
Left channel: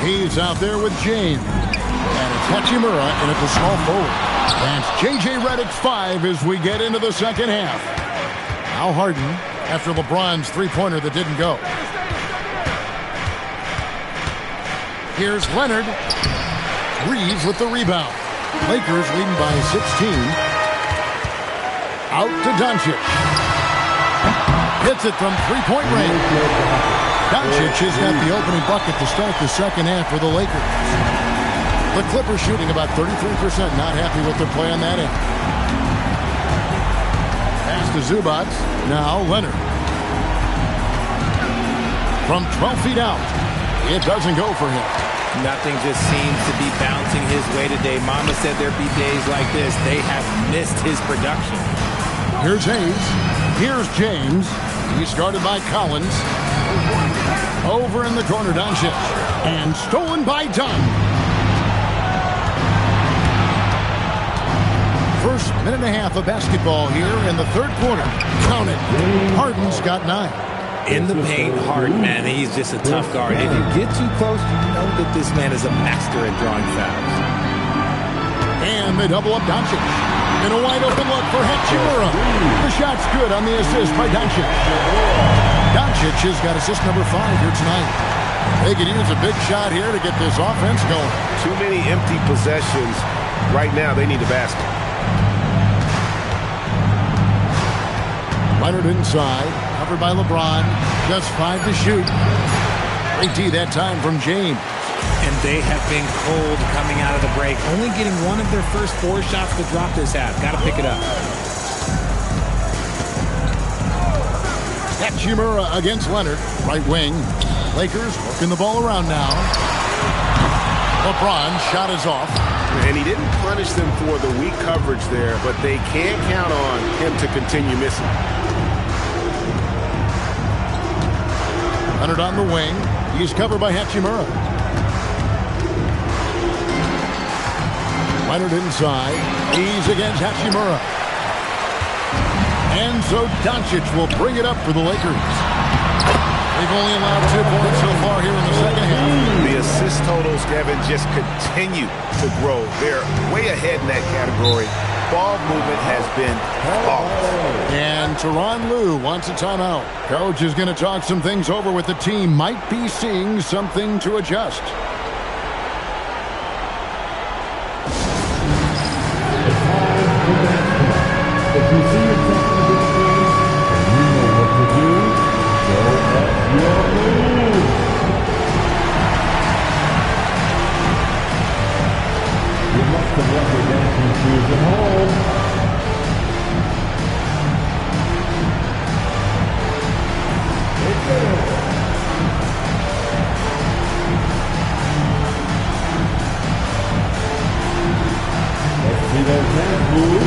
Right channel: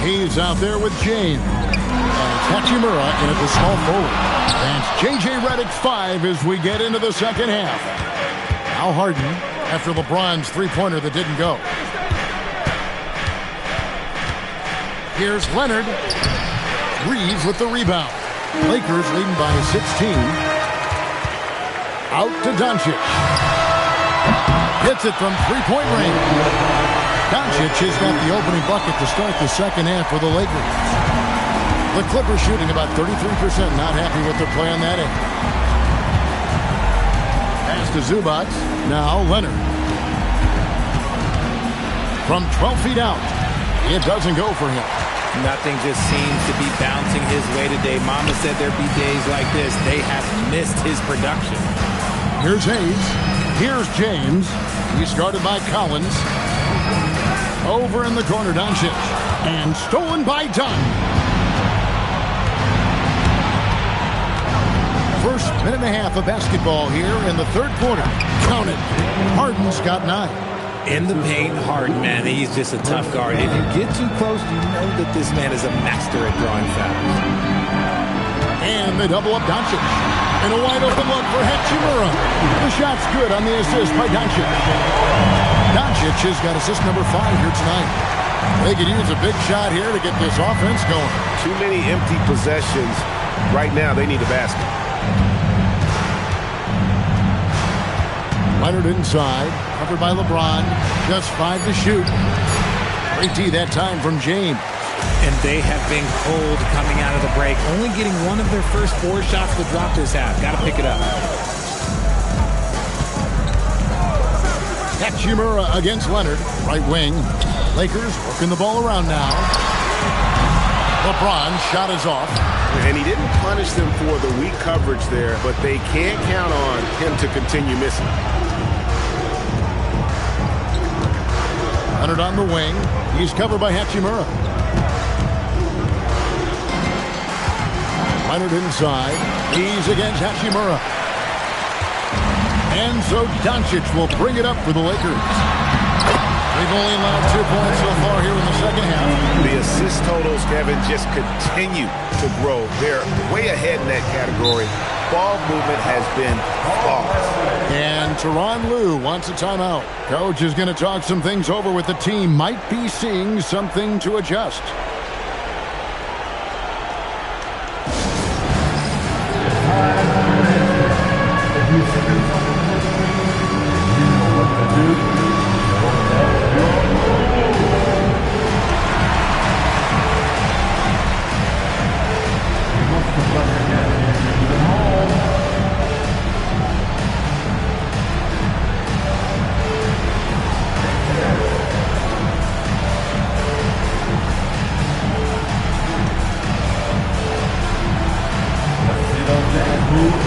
He's out there with James. And it's Hachimura in at the small forward. That's J.J. Redick's 5 as we get into the second half. Now Harden after LeBron's three-pointer that didn't go. Here's Leonard. Reeves with the rebound. Lakers leading by 16. Out to Doncic. Hits it from three-point range. Doncic has got the opening bucket to start the second half for the Lakers. The Clippers shooting about 33%. Not happy with their play on that end. Pass to Zubac. Now Leonard. From 12 feet out. It doesn't go for him. Nothing just seems to be bouncing his way today. Mama said there'd be days like this. They have missed his production. Here's Hayes. Here's James. He's guarded by Collins. Over in the corner, Doncic. And stolen by Dunn. First minute and a half of basketball here in the third quarter. Count it. Harden's got 9. In the paint, Harden, man, he's just a tough guard. If you get too close, you know that this man is a master at drawing fouls. And they double up Doncic. In a wide open look for Hachimura. The shot's good on the assist by Doncic. Doncic has got assist number 5 here tonight. They could use a big shot here to get this offense going. Too many empty possessions. Right now, they need a basket. Leonard inside, covered by LeBron. Just 5 to shoot. Great D that time from James. And they have been cold coming out of the break. Only getting one of their first 4 shots to drop this half. Got to pick it up. Hachimura against Leonard. Right wing. Lakers working the ball around now. LeBron's shot is off. And he didn't punish them for the weak coverage there, but they can't count on him to continue missing. Leonard on the wing. He's covered by Hachimura. Leonard inside. He's against Hachimura. And so Doncic will bring it up for the Lakers. They've only allowed 2 points so far here in the second half. The assist totals, Kevin, just continue to grow. They're way ahead in that category. Ball movement has been flawless. And Tyronn Lue wants a timeout. Coach is going to talk some things over with the team. Might be seeing something to adjust. If you see yourself in the game, and you know what to do, show us your move. You must have rubber dancing shoes at home. Let's see those dance moves.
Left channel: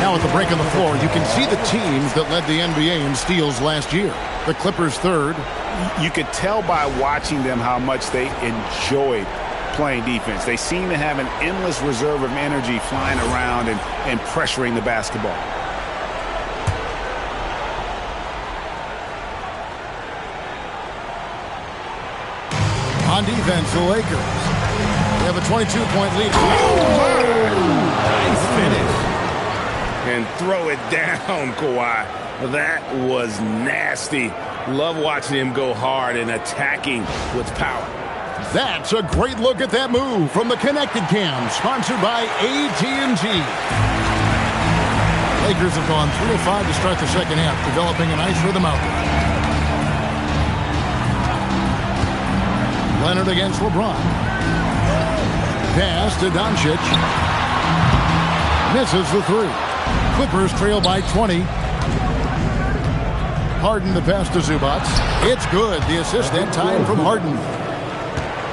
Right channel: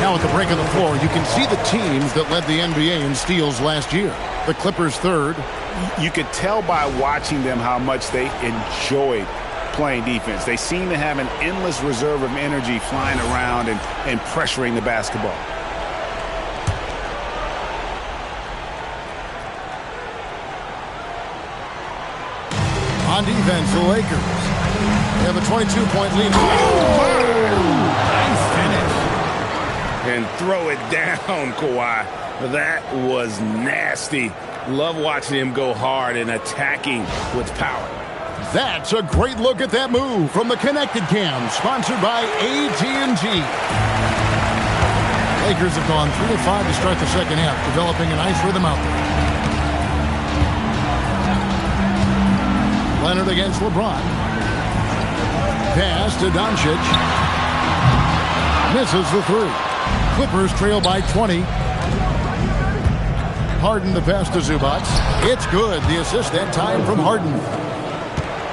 Now at the break on the floor, you can see the teams that led the NBA in steals last year. The Clippers third. You could tell by watching them how much they enjoyed playing defense. They seem to have an endless reserve of energy flying around and pressuring the basketball. On defense, the Lakers. They have a 22-point lead. Oh, Nice finish. and throw it down, Kawhi. That was nasty. Love watching him go hard and attacking with power. That's a great look at that move from the Connected Cam, sponsored by AT&T. Lakers have gone 3 of 5 to start the second half, developing a nice rhythm out there. Leonard against LeBron. Pass to Doncic. Misses the three. Clippers trail by 20. Harden the pass to Zubac. It's good. The assist that time from Harden.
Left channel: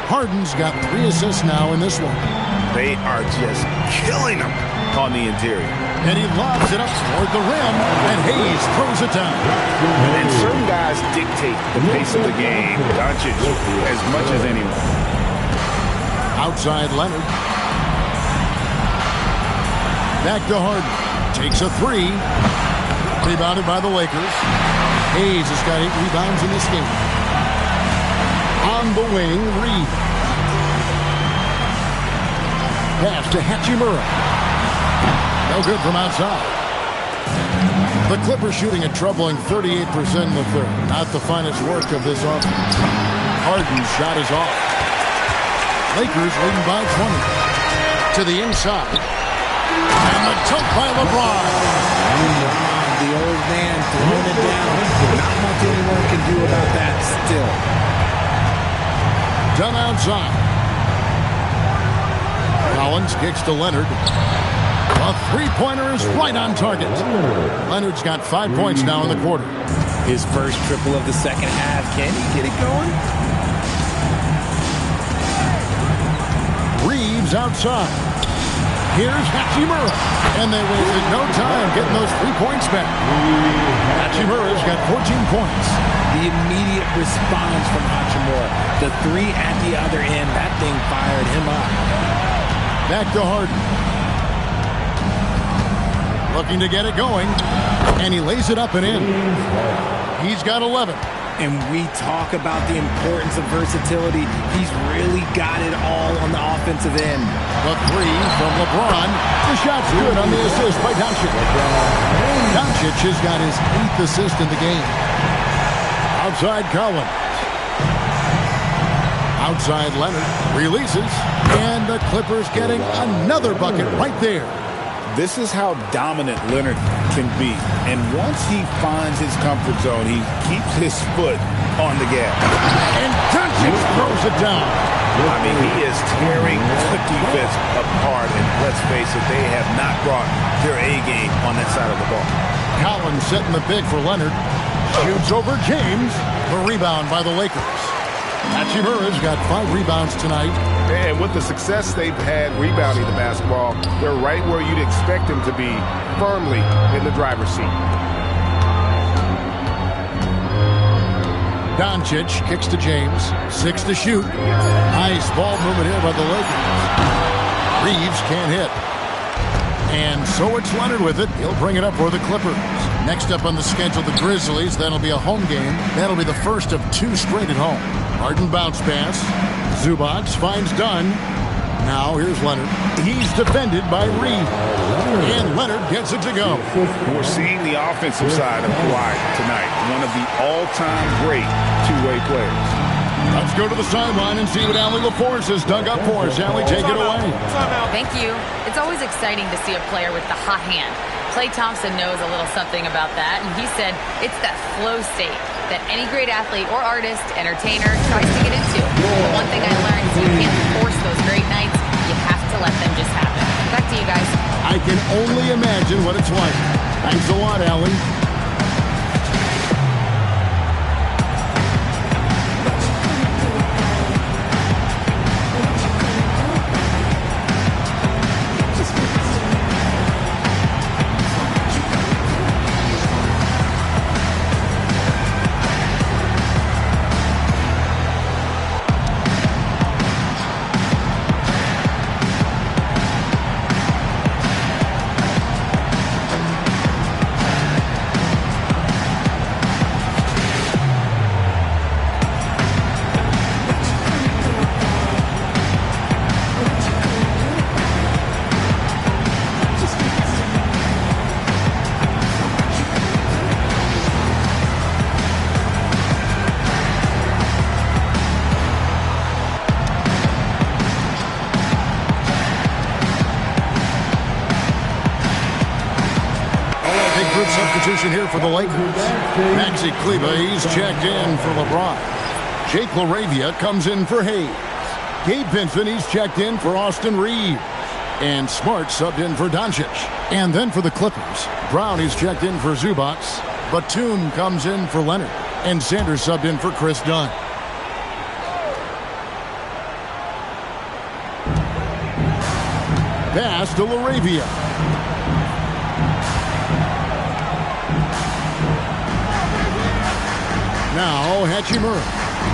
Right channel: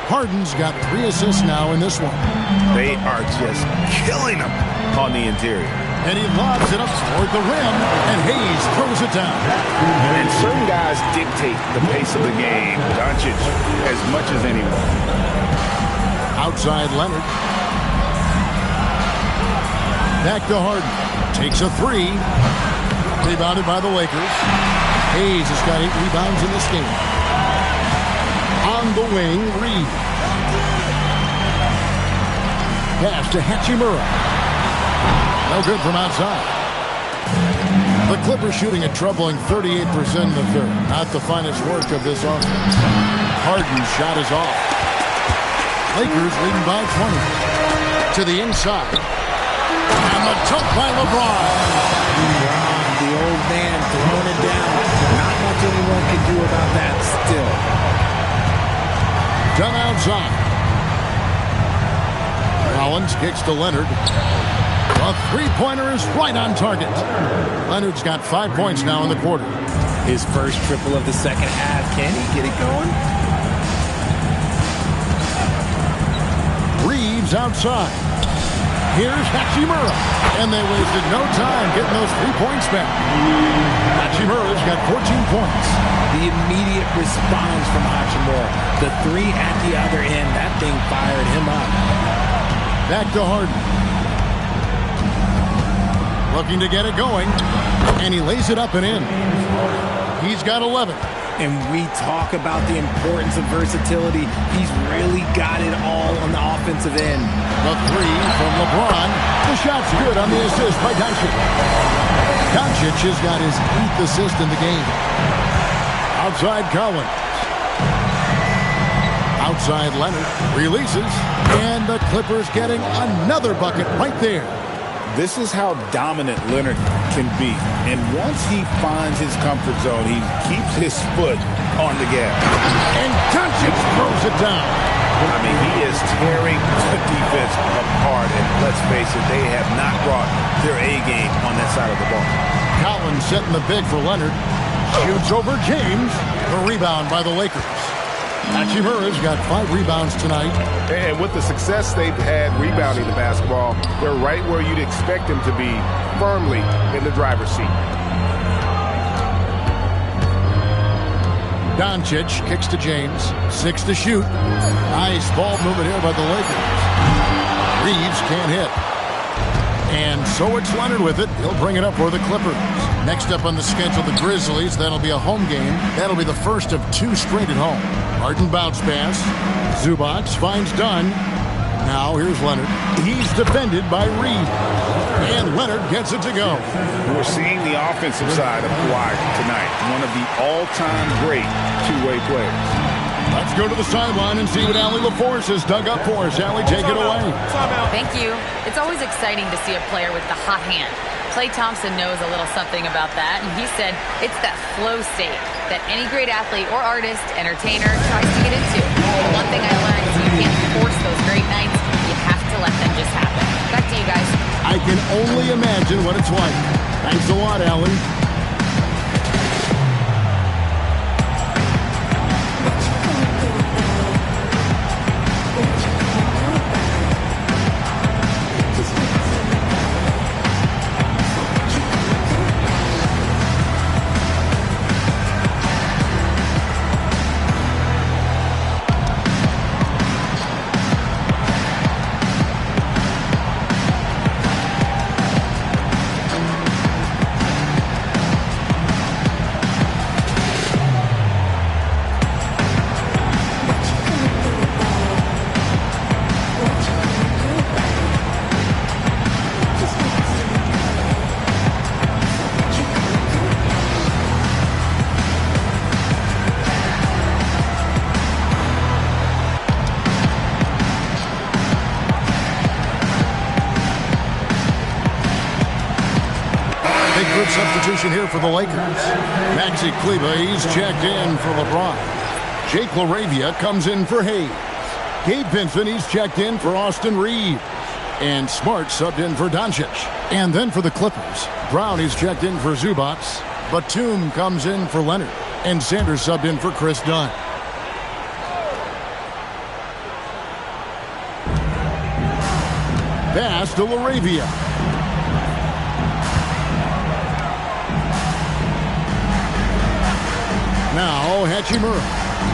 Harden's got 3 assists now in this one. They are just killing them on the interior. And he lobs it up toward the rim, and Hayes throws it down. And certain guys dictate the pace of the game. Doncic as much as anyone. Outside Leonard. Back to Harden. Takes a 3. Rebounded by the Lakers. Hayes has got 8 rebounds in this game. On the wing, Reed. Pass to Hachimura. No good from outside. The Clippers shooting a troubling 38% in the third. Not the finest work of this offense. Harden's shot is off. Lakers leading by 20. To the inside. And the dunk by LeBron. LeBron, the old man, throwing it down. Not much anyone can do about that still. Done outside. Collins kicks to Leonard. A three-pointer is right on target. Leonard's got 5 points now in the quarter. His first triple of the second half. Can he get it going? Reeves outside. Here's Hachimura. And they wasted no time getting those 3 points back. Hachimura's got 14 points. The immediate response from Hachimura. The 3 at the other end. That thing fired him up. Back to Harden. Looking to get it going. And he lays it up and in. He's got 11. And we talk about the importance of versatility. He's really got it all on the offensive end. The 3 from LeBron. The shot's good on the assist by Doncic. Doncic has got his 8th assist in the game. Outside Collins. Outside Leonard. Releases. And the Clippers getting another bucket right there. This is how dominant Leonard can be. And once he finds his comfort zone, he keeps his foot on the gas. And Doncic throws it down. I mean, he is tearing the defense apart. And let's face it, they have not brought their A game on that side of the ball. Collins setting the pick for Leonard. Shoots over James. The rebound by the Lakers. Hachimura's got 5 rebounds tonight. And with the success they've had rebounding the basketball, they're right where you'd expect them to be, firmly in the driver's seat. Doncic kicks to James. 6 to shoot. Nice ball movement here by the Lakers. Reeves can't hit. And so it's Leonard with it. He'll bring it up for the Clippers. Next up on the schedule, the Grizzlies. That'll be a home game. That'll be the first of 2 straight at home. Harden bounce pass. Zubac finds Dunn. Now here's Leonard. He's defended by Reed. And Leonard gets it to go. We're seeing the offensive side of Kawhi tonight. One of the all-time great two-way players. Let's go to the sideline and see what Allie LaForce has dug up for us. Allie, take it away. Thank you. It's always exciting to see a player with the hot hand. Klay Thompson knows a little something about that, and he said it's that flow state that any great athlete or artist, entertainer, tries to get into. The one thing I learned is you can't force those great nights. You have to let them just happen. Back to you guys. I can only imagine what it's like. Thanks a lot, Allie. Big group substitution here for the Lakers. Maxi Kleber, he's checked in for LeBron. Jake LaRavia comes in for Hayes. Gabe Vincent, he's checked in for Austin Reeves. And Smart subbed in for Doncic. And then for the Clippers, Brown, he's checked in for Zubac. Batum comes in for Leonard. And Sanders subbed in for Chris Dunn. Pass to LaRavia. Now Hachimura.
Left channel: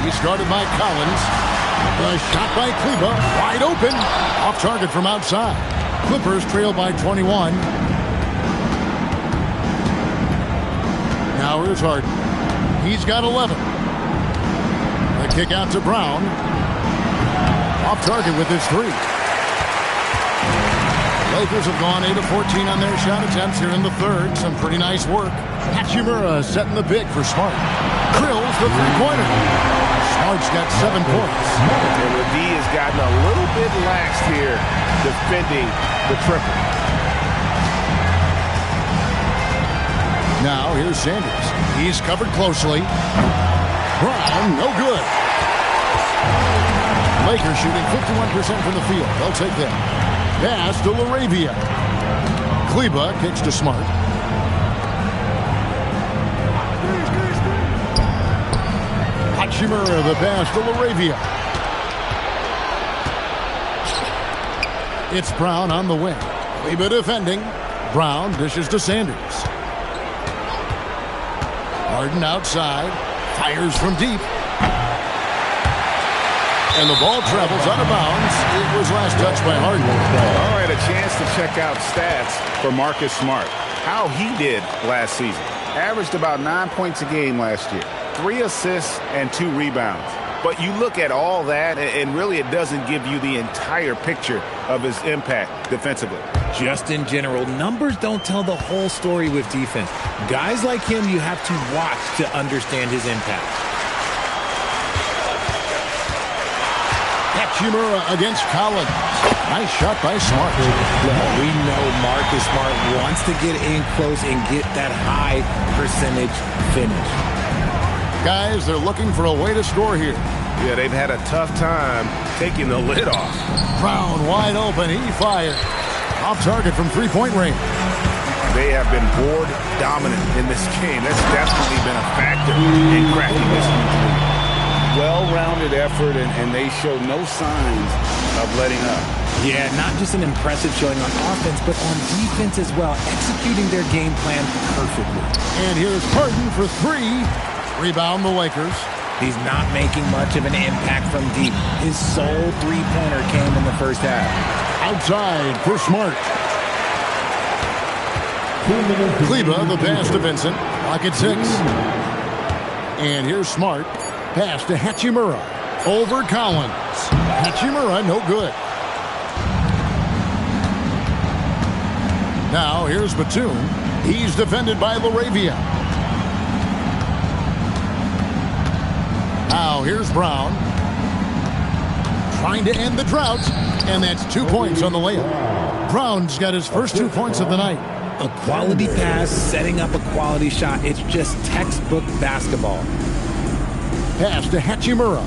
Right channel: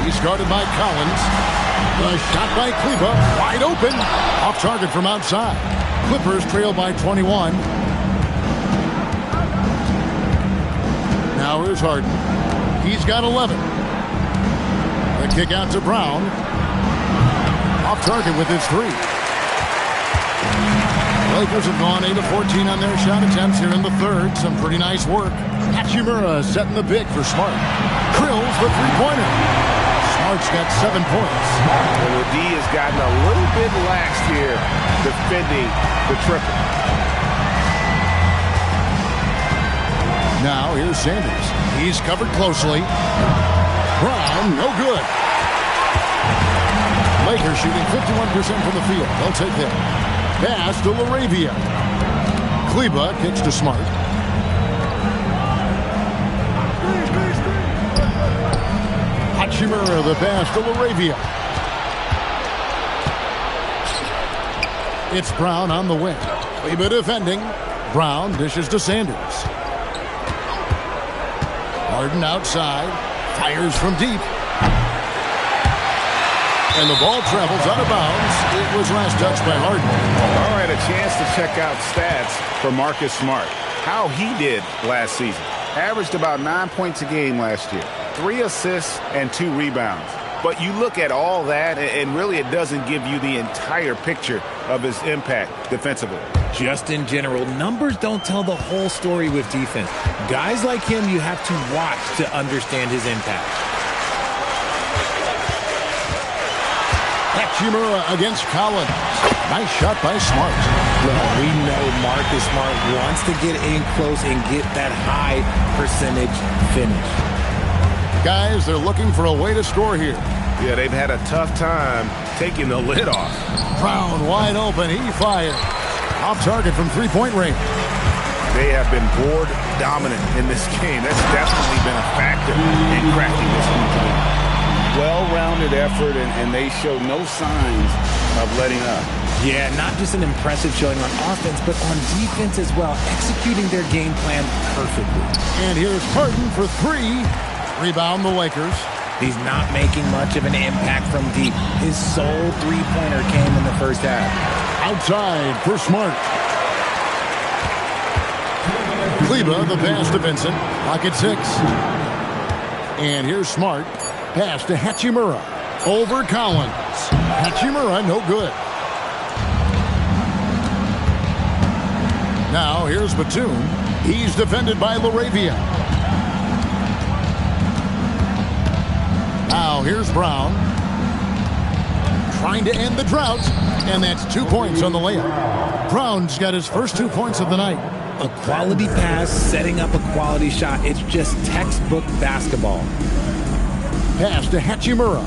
He's guarded by Collins. The shot by Kleber, wide open. Off target from outside. Clippers trail by 21. Now here's Harden. He's got 11. The kick out to Brown. Off target with his 3. Lakers have gone 8 of 14 on their shot attempts here in the third. Some pretty nice work. Hachimura setting the big for Smart. Drills the three-pointer. Smart's got 7 points. And the D has gotten a little bit lax here defending the triple. Now here's Sanders. He's covered closely. Brown, no good. Lakers shooting 51% from the field. They'll take that. Pass to LaRavia. Kleber kicks to Smart. Hachimura, the pass to LaRavia. It's Brown on the wing. Kleber defending. Brown dishes to Sanders. Harden outside. Fires from deep. And the ball travels out of bounds. It was last touched by Harden. All right, a chance to check out stats for Marcus Smart. How he did last season. Averaged about 9 points a game last year. 3 assists and 2 rebounds. But you look at all that, and really it doesn't give you the entire picture of his impact defensively. Just in general, numbers don't tell the whole story with defense. Guys like him, you have to watch to understand his impact. Hachimura against Collins. Nice shot by Smart. Look, we know Marcus Smart wants to get in close and get that high percentage finish. Guys, they're looking for a way to score here. Yeah, they've had a tough time taking the lid off. Brown wide open. He fires. Off target from three-point range. They have been board dominant in this game. That's definitely been a factor in cracking this huge lead. Well-rounded effort, and they show no signs of letting up. Yeah, not just an impressive showing on offense, but on defense as well, executing their game plan perfectly. And here's Harden for 3. Rebound the Lakers. He's not making much of an impact from deep. His sole three-pointer came in the first half. Outside for Smart. Kleber, the pass to Vincent. Clock at 6. And here's Smart. Pass to Hachimura. Over Collins. Hachimura, no good. Now here's Batum. He's defended by LaRavia. Now here's Brown. Trying to end the drought. And that's 2 points on the layup. Brown's got his first 2 points of the night. A quality pass, setting up a quality shot. It's just textbook basketball. Pass to Hachimura.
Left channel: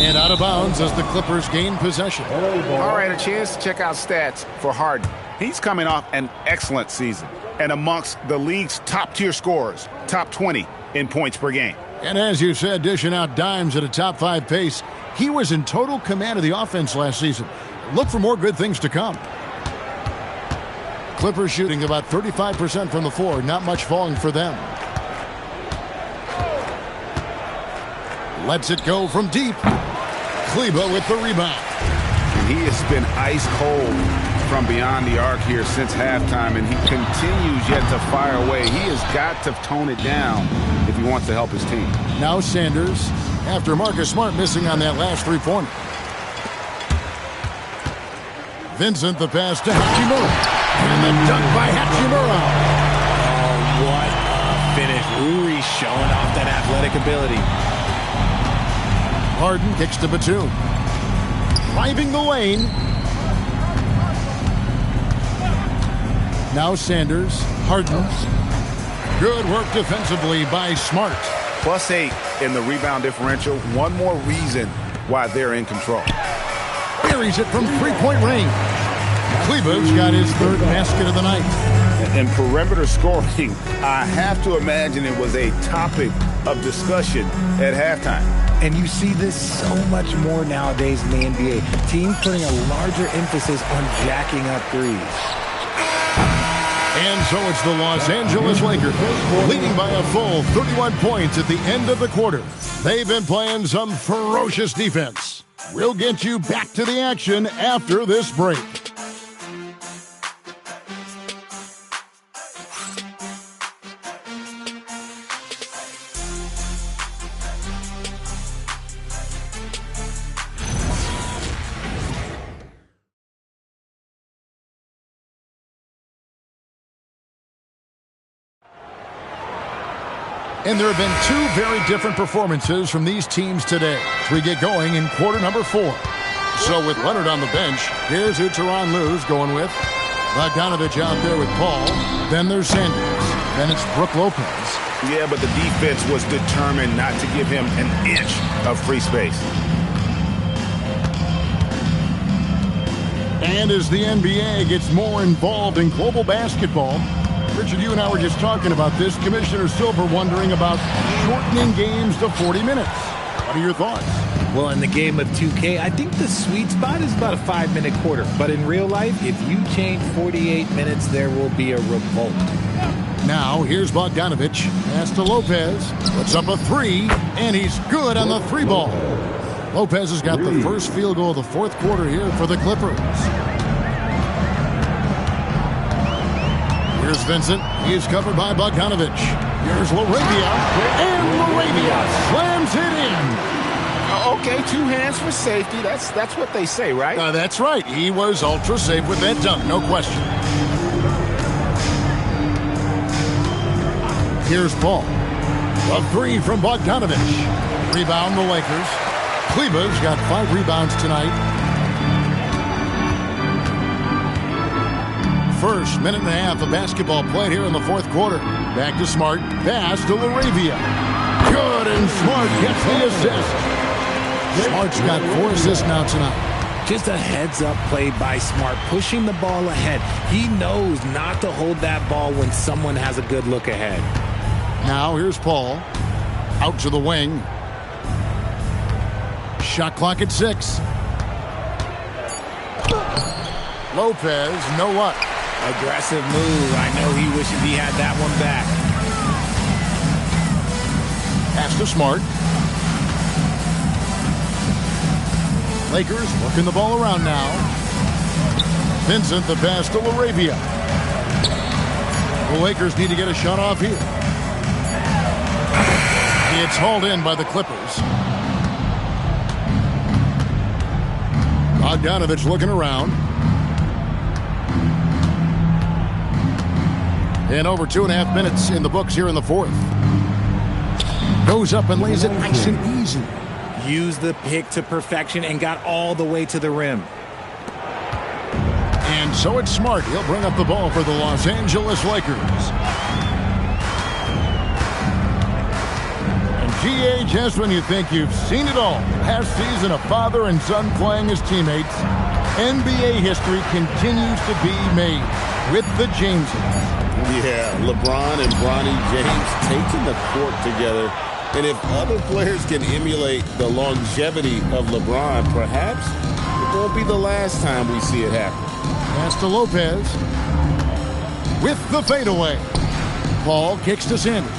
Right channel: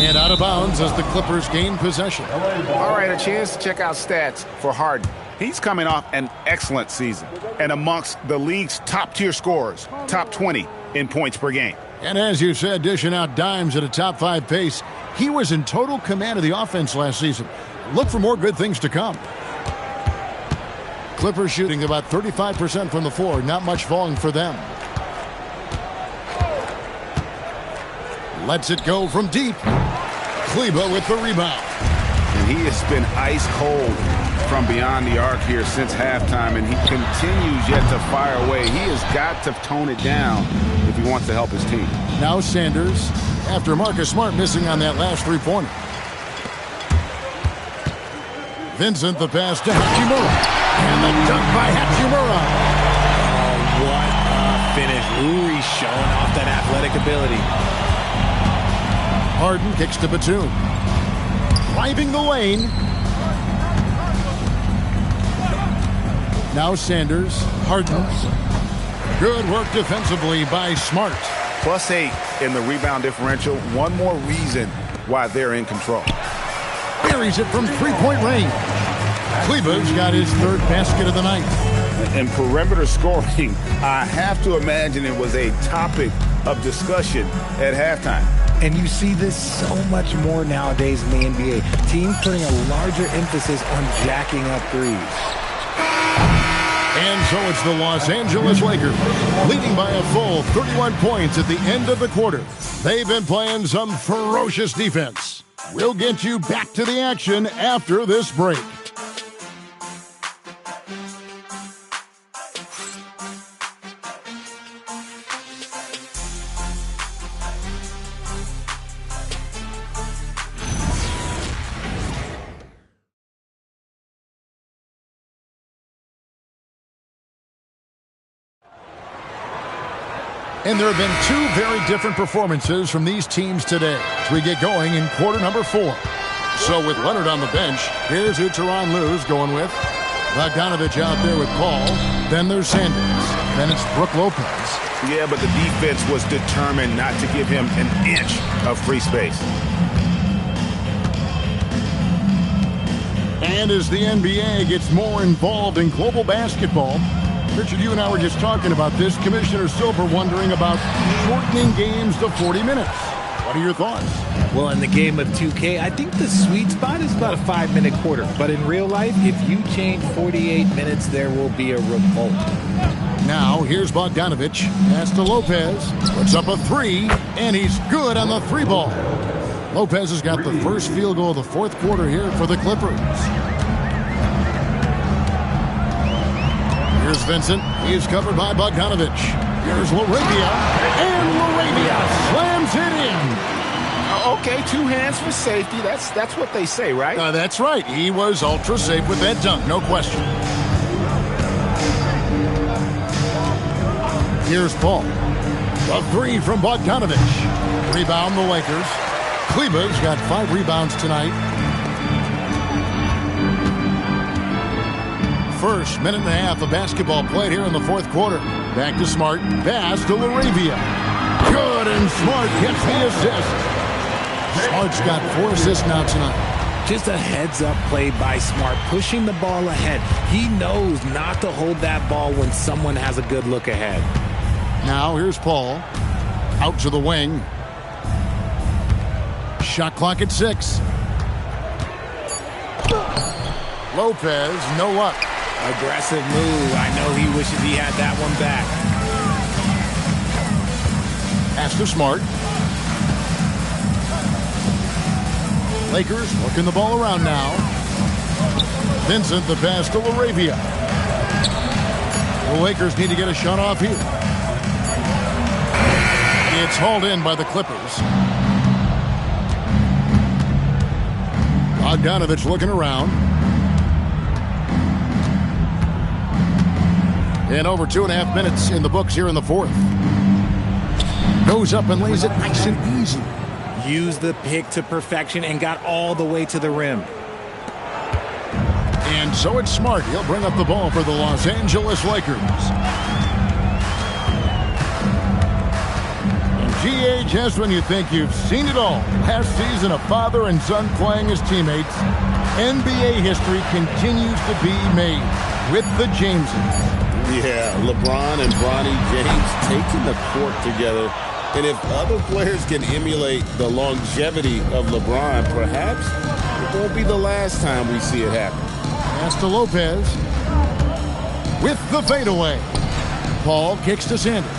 And out of bounds as the Clippers gain possession. All right, a chance to check out stats for Harden. He's coming off an excellent season and amongst the league's top-tier scorers, top 20 in points per game. And as you said, dishing out dimes at a top 5 pace, he was in total command of the offense last season. Look for more good things to come. Clippers shooting about 35% from the floor, not much falling for them. Lets it go from deep. Kleber with the rebound. And he has been ice cold from beyond the arc here since halftime, and he continues yet to fire away. He has got to tone it down if he wants to help his team. Now Sanders, after Marcus Smart missing on that last three-pointer. Vincent, the pass to Hachimura. And the dunk by Hachimura. Oh, what a finish. Uri showing off that athletic ability. Harden kicks to Batum. Driving the lane. Now Sanders, Harden. Good work defensively by Smart. +8 in the rebound differential. One more reason why they're in control. Buries it from three-point range. Kleba's got his third basket of the night. And perimeter scoring, I have to imagine it was a topic of discussion at halftime. And you see this so much more nowadays in the NBA. Teams putting a larger emphasis on jacking up threes. And so it's the Los Angeles Lakers leading by a full 31 points at the end of the quarter. They've been playing some ferocious defense. We'll get you back to the action after this break. And there have been two very different performances from these teams today as we get going in quarter number 4. So with Leonard on the bench, here's who Tyronn Lue's going with. Bogdanovich out there with Paul. Then there's Sanders. Then it's Brook Lopez. Yeah, but the defense was determined not to give him an inch of free space. And as the NBA gets more involved in global basketball, Richard, you and I were just talking about this. Commissioner Silver wondering about shortening games to 40 minutes. What are your thoughts? Well, in the game of 2K, I think the sweet spot is about a 5-minute quarter. But in real life, if you change 48 minutes, there will be a revolt. Now, here's Bogdanovich. Pass to Lopez. Puts up a 3, and he's good on the 3 ball. Lopez has got the first field goal of the fourth quarter here for the Clippers. Here's Vincent. He's covered by Bogdanovich. Here's LaRavia. And LaRavia slams it in. Okay, 2 hands for safety. That's what they say, right? That's right. He was ultra safe with that dunk, no question. Here's Paul. A 3 from Bogdanovich. Rebound the Lakers. Kleba's got 5 rebounds tonight. First minute and a half of basketball played here in the fourth quarter. Back to Smart. Pass to LaRavia. Good, and Smart gets the assist. Smart's got 4 assists now tonight. Just a heads-up play by Smart, pushing the ball ahead. He knows not to hold that ball when someone has a good look ahead. Now here's Paul. Out to the wing. Shot clock at 6. Lopez, no luck. Aggressive move. I know he wishes he had that one back. Pass to Smart. Lakers working the ball around now. Vincent the pass to LaRavia. The Lakers need to get a shot off here. It's hauled in by the Clippers. Bogdanovich looking around. And over 2.5 minutes in the books here in the fourth. Goes up and lays it nice and easy. Used the pick to perfection and got all the way to the rim. And so it's Smart. He'll bring up the ball for the Los Angeles Lakers. And GA, just when you think you've seen it all, last season a father and son playing as teammates, NBA history continues to be made with the Jameses. Yeah, LeBron and Bronny James taking the court together. And if other players can emulate the longevity of LeBron, perhaps it won't be the last time we see it happen. Pass to Lopez with the fadeaway. Paul kicks to Sanders.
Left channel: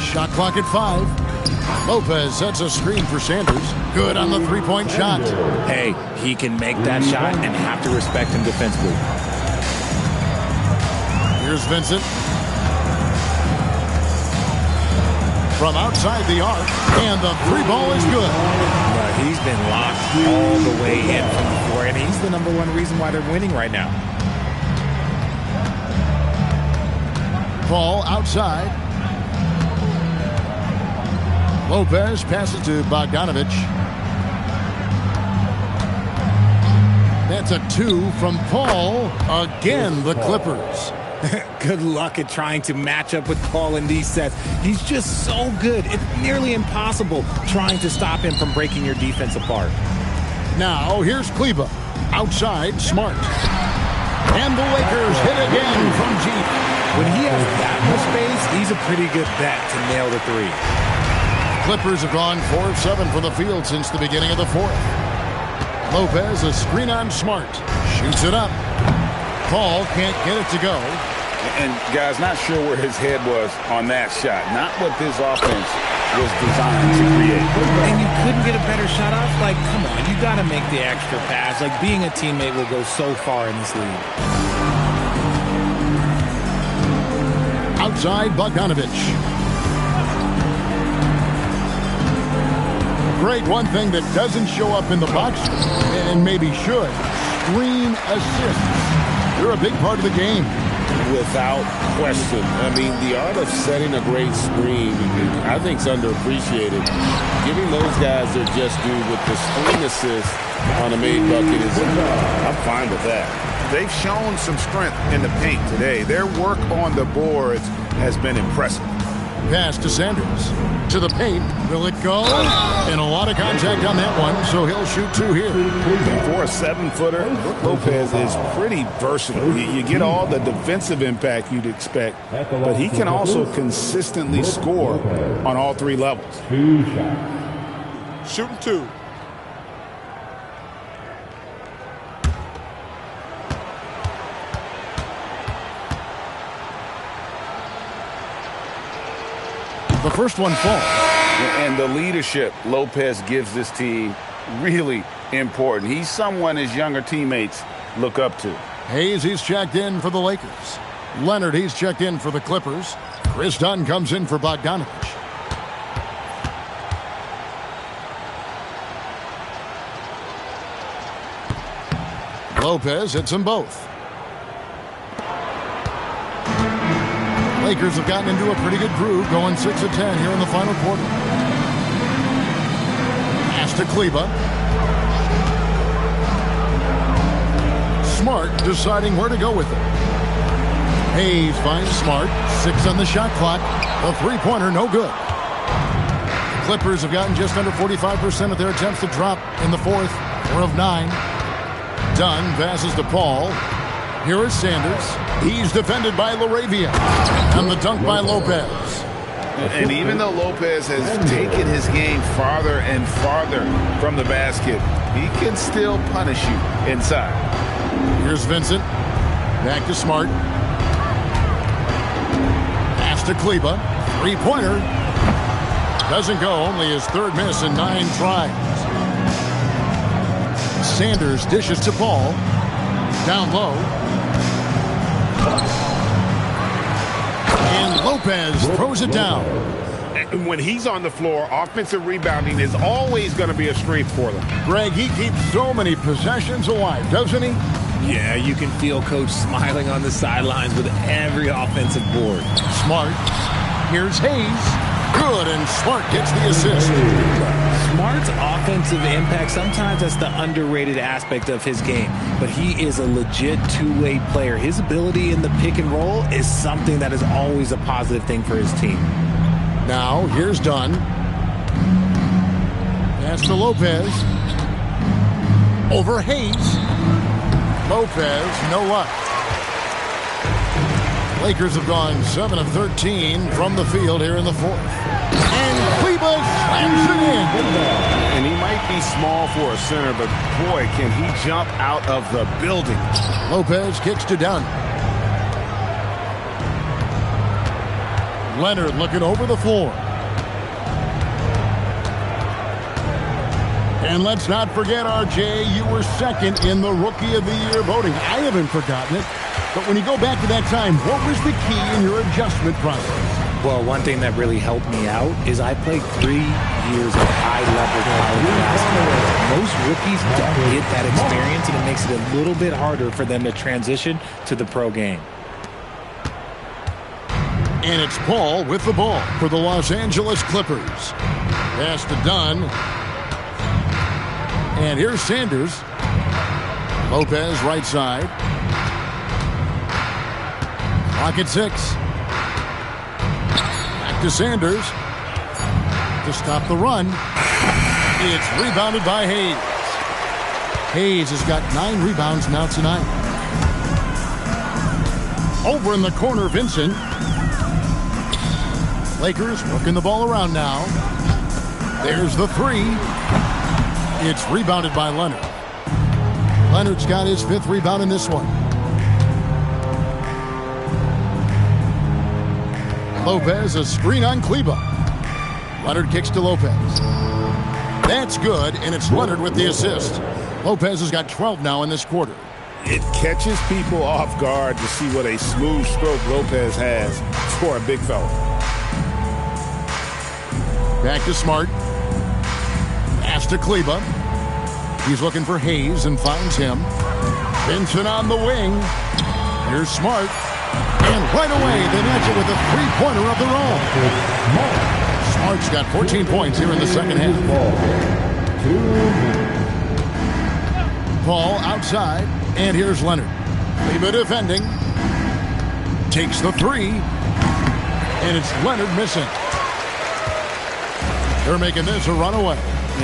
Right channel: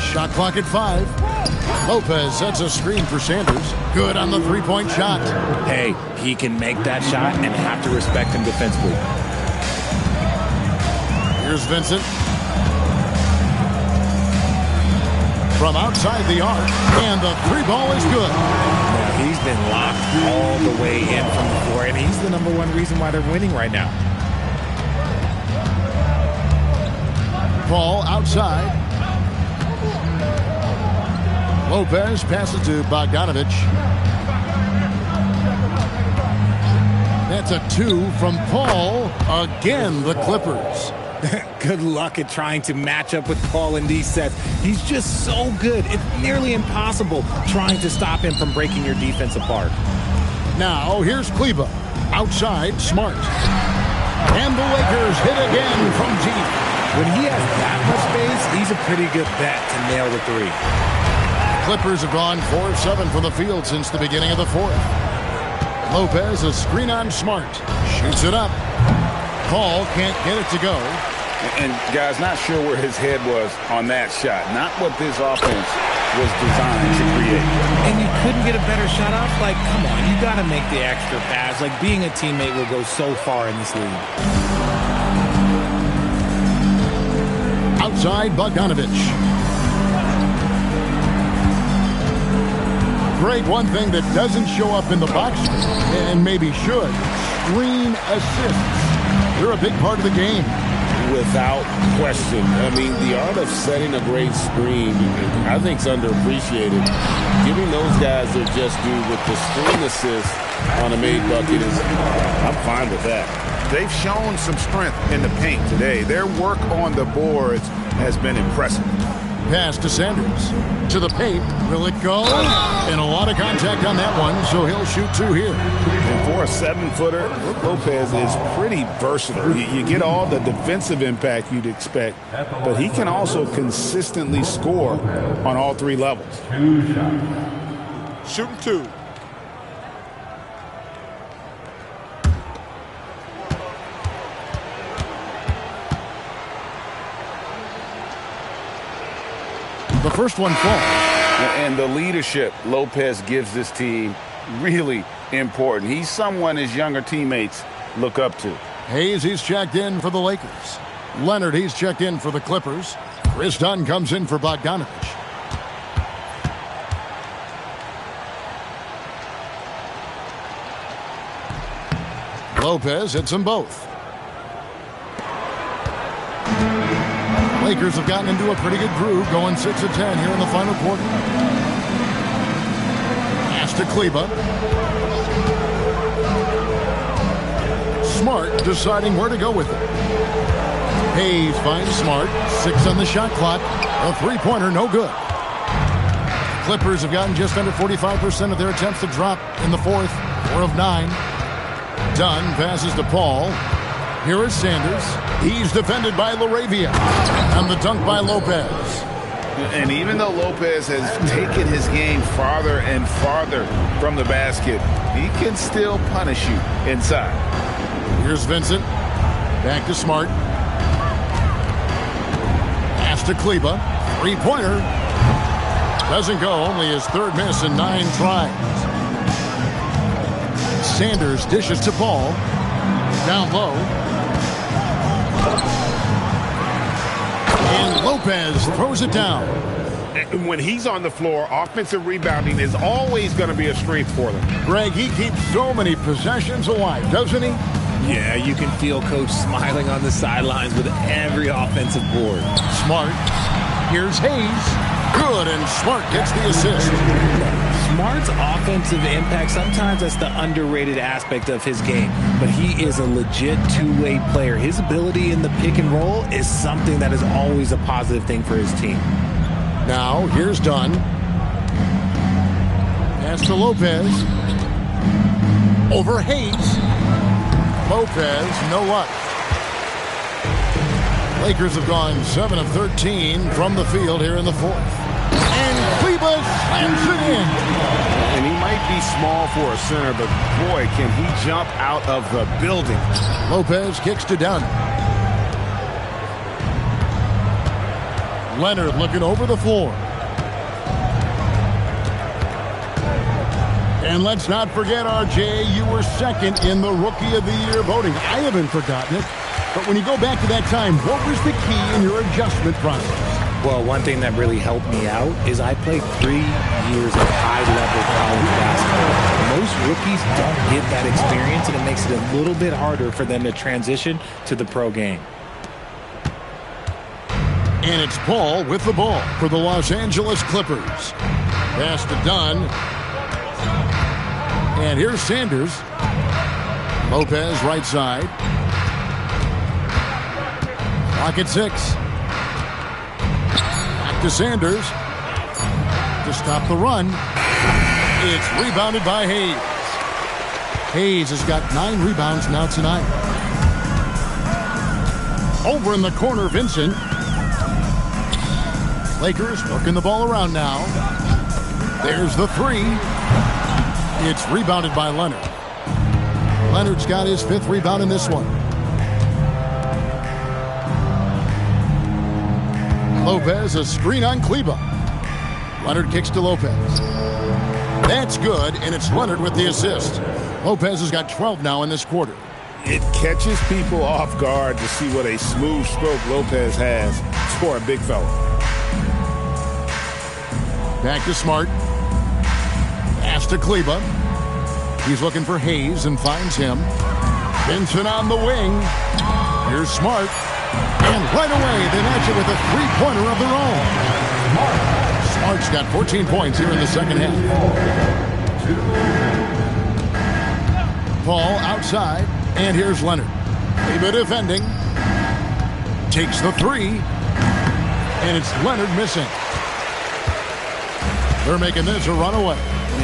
Shot clock at 5. Lopez sets a screen for Sanders. Good on the three-point shot. Hey, he can make that shot and have to respect him defensively. Here's Vincent. From outside the arc, and the 3 ball is good. He's been locked all the way in from the floor, and he's the #1 reason why they're winning right now. Paul outside. Lopez passes to Bogdanovich. That's a 2 from Paul. Again, the Clippers. Good luck at trying to match up with Paul in these sets. He's just so good. It's nearly impossible trying to stop him from breaking your defense apart. Now, here's Kleba. Outside, Smart. And the Lakers hit again from deep. When he has that much space, he's a pretty good bet to nail the three. Clippers have gone 4 of 7 from the field since the beginning of the fourth. Lopez, a screen on Smart. Shoots it up. Paul can't get it to go. And, guys, not sure where his head was on that shot. Not what this offense was designed to create. And you couldn't get a better shot off? Like, come on, you got to make the extra pass. Like, being a teammate will go so far in this league. Outside, Bogdanovich. Greg, one thing that doesn't show up in the box score, and maybe should, screen assists. They're a big part of the game. Without question. I mean, the art of setting a great screen, I think, is underappreciated. Giving those guys their just due with the screen assist on a made bucket is, I'm fine with that. They've shown some strength in the paint today. Their work on the boards has been impressive. Pass to Sanders. To the paint. Will it go? And a lot of contact on that one, so he'll shoot 2 here. And for a 7-footer, Brook Lopez is pretty versatile. You get all the defensive impact you'd expect, but he can also consistently score on all 3 levels. 2 shots. Shooting 2. The first one falls. And the leadership Lopez gives this team really important. He's someone his younger teammates look up to. Hayes, he's checked in for the Lakers. Leonard, he's checked in for the Clippers. Chris Dunn comes in for Bogdanovich. Lopez hits them both. Lakers have gotten into a pretty good groove, going 6 of 10 here in the final quarter. Pass to Kleba. Smart deciding where to go with it. Hayes finds Smart. 6 on the shot clock. A three-pointer, no good. The Clippers have gotten just under 45% of their attempts to drop in the fourth. 4 of 9. Dunn passes to Paul. Here is Sanders. He's defended by LaRavia. And the dunk by Lopez. And even though Lopez has taken his game farther and farther from the basket, he can still punish you inside. Here's Vincent. Back to Smart. Pass to Kleba. Three-pointer. Doesn't go. Only his 3rd miss in 9 tries. Sanders dishes to Paul. Down low. And Lopez throws it down. And when he's on the floor, offensive rebounding is always going to be a strength for them. Greg, he keeps so many possessions alive, doesn't he? Yeah, you can feel Coach smiling on the sidelines with every offensive board. Smart. Here's Hayes. Good, and Smart gets the assist. Smart's offensive impact, sometimes that's the underrated aspect of his game, but he is a legit two-way player. His ability in the pick and roll is something that is always a positive thing for his team. Now, here's Dunn. Pass to Lopez. Over Hayes. Lopez, no luck. Lakers have gone 7 of 13 from the field here in the fourth. And Kleba slams it in. And he might be small for a center, but boy, can he jump out of the building. Lopez kicks to Dunn. Leonard looking over the floor. And let's not forget, RJ, you were second in the Rookie of the Year voting. I haven't forgotten it. But when you go back to that time, what was the key in your adjustment process? Well, one thing that really helped me out is I played 3 years of high-level college basketball. Most rookies don't get that experience, and it makes it a little bit harder for them to transition to the pro game. And it's Paul with the ball for the Los Angeles Clippers. Pass to Dunn. And here's Sanders. Lopez right side. Clock at 6. Back to Sanders to stop the run. It's rebounded by Hayes. Hayes has got 9 rebounds now tonight. Over in the corner, Vincent. Lakers working the ball around now. There's the 3. It's rebounded by Leonard. Leonard's got his 5th rebound in this one. Lopez, a screen on Kleba. Leonard kicks to Lopez. That's good, and it's Leonard with the assist. Lopez has got 12 now in this quarter. It catches people off guard to see what a smooth stroke Lopez has for a big fella. Back to Smart. Pass to Kleba. He's looking for Hayes and finds him. Vincent on the wing. Here's Smart. And right away, they match it with a three-pointer of their own. Smart's got 14 points here in the second half. Paul outside. And here's Leonard. Kleba defending. Takes the 3. And it's Leonard missing. They're making this a runaway.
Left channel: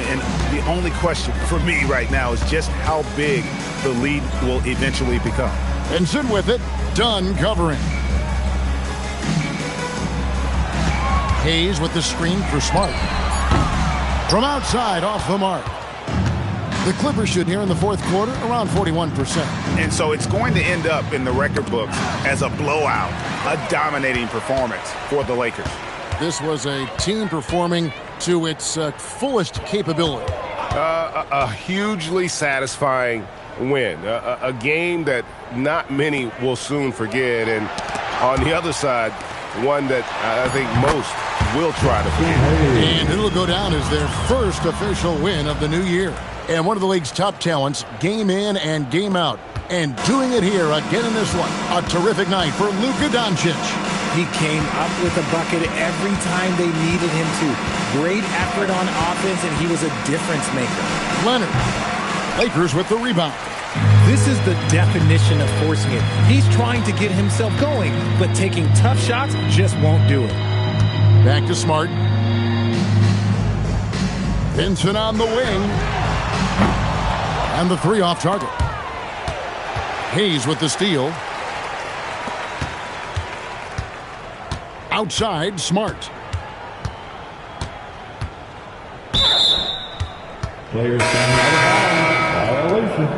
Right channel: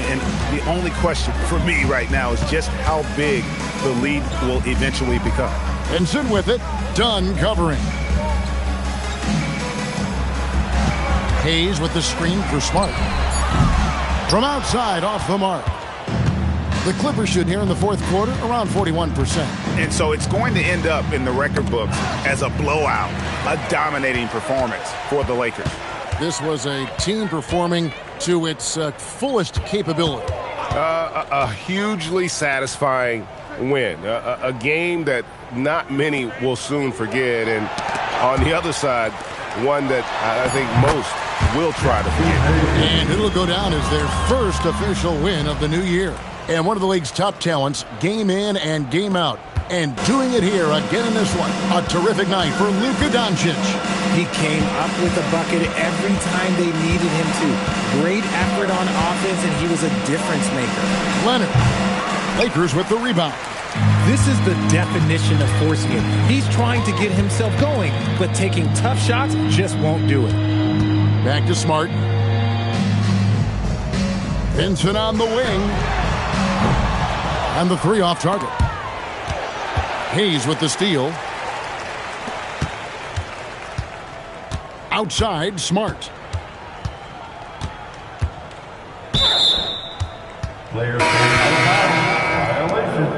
And the only question for me right now is just how big the lead will eventually become. Vincent with it. Dunn covering. Hayes with the screen for Smart. From outside, off the mark. The Clippers should here in the fourth quarter around 41%. And so it's going to end up in the record books as a blowout, a dominating performance for the Lakers. This was a team performing to its fullest capability. A hugely satisfying win. A game that not many will soon forget. And on the other side, one that I think most will try to forget. And it'll go down as their first official win of the new year. And one of the league's top talents, game in and game out. And doing it here again in this one. A terrific night for Luka Doncic. He came up with a bucket every time they needed him to. Great effort on offense, and he was a difference maker. Leonard. Lakers with the rebound. This is the definition of forcing it. He's trying to get himself going, but taking tough shots just won't do it. Back to Smart. Vincent on the wing. And the 3 off target. Hayes with the steal. Outside, Smart. Player violation.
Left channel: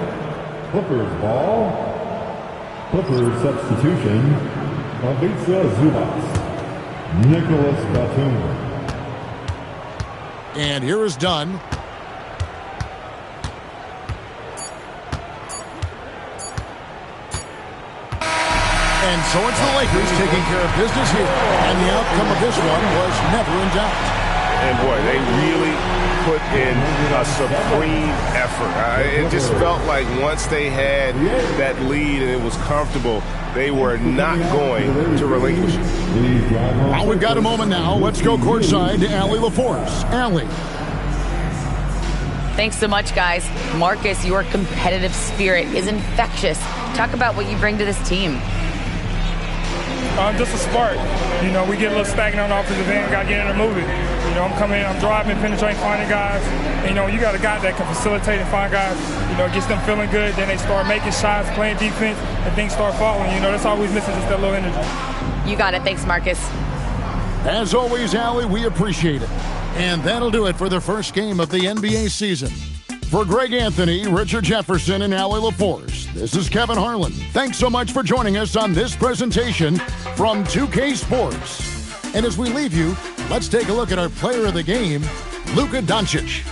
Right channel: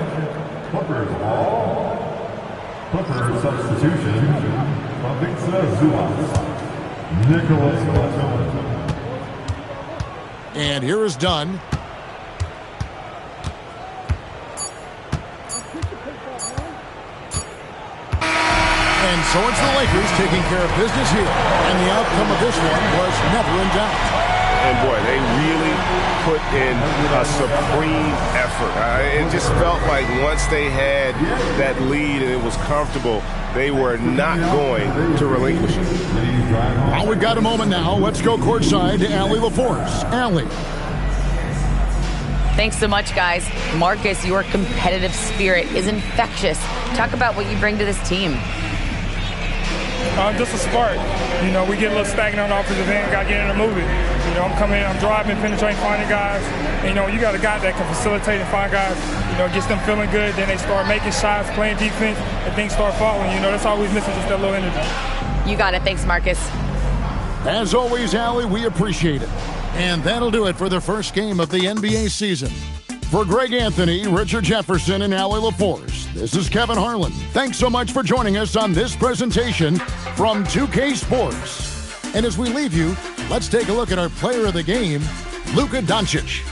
Clippers ball. Clippers substitution. Ivica Zubac. Nicholas Batum. And here is Dunn. And so it's the Lakers taking care of business here. And the outcome of this one was never in doubt. And boy, they really put in a supreme effort. It just felt like once they had that lead and it was comfortable, they were not going to relinquish it. Well, we've got a moment now. Let's go courtside to Allie LaForce. Allie. Thanks so much, guys. Marcus, your competitive spirit is infectious. Talk about what you bring to this team. Just a spark. You know, we get a little stagnant on the offensive end, got to get in and move it. You know, I'm coming in, I'm driving, penetrating, finding guys. And, you know, you got a guy that can facilitate and find guys. You know, gets them feeling good. Then they start making shots, playing defense, and things start falling. You know, that's always missing, just that little energy. You got it. Thanks, Marcus. As always, Allie, we appreciate it. And that'll do it for the first game of the NBA season. For Greg Anthony, Richard Jefferson, and Allie LaForce, this is Kevin Harlan. Thanks so much for joining us on this presentation from 2K Sports. And as we leave you, let's take a look at our player of the game, Luka Doncic.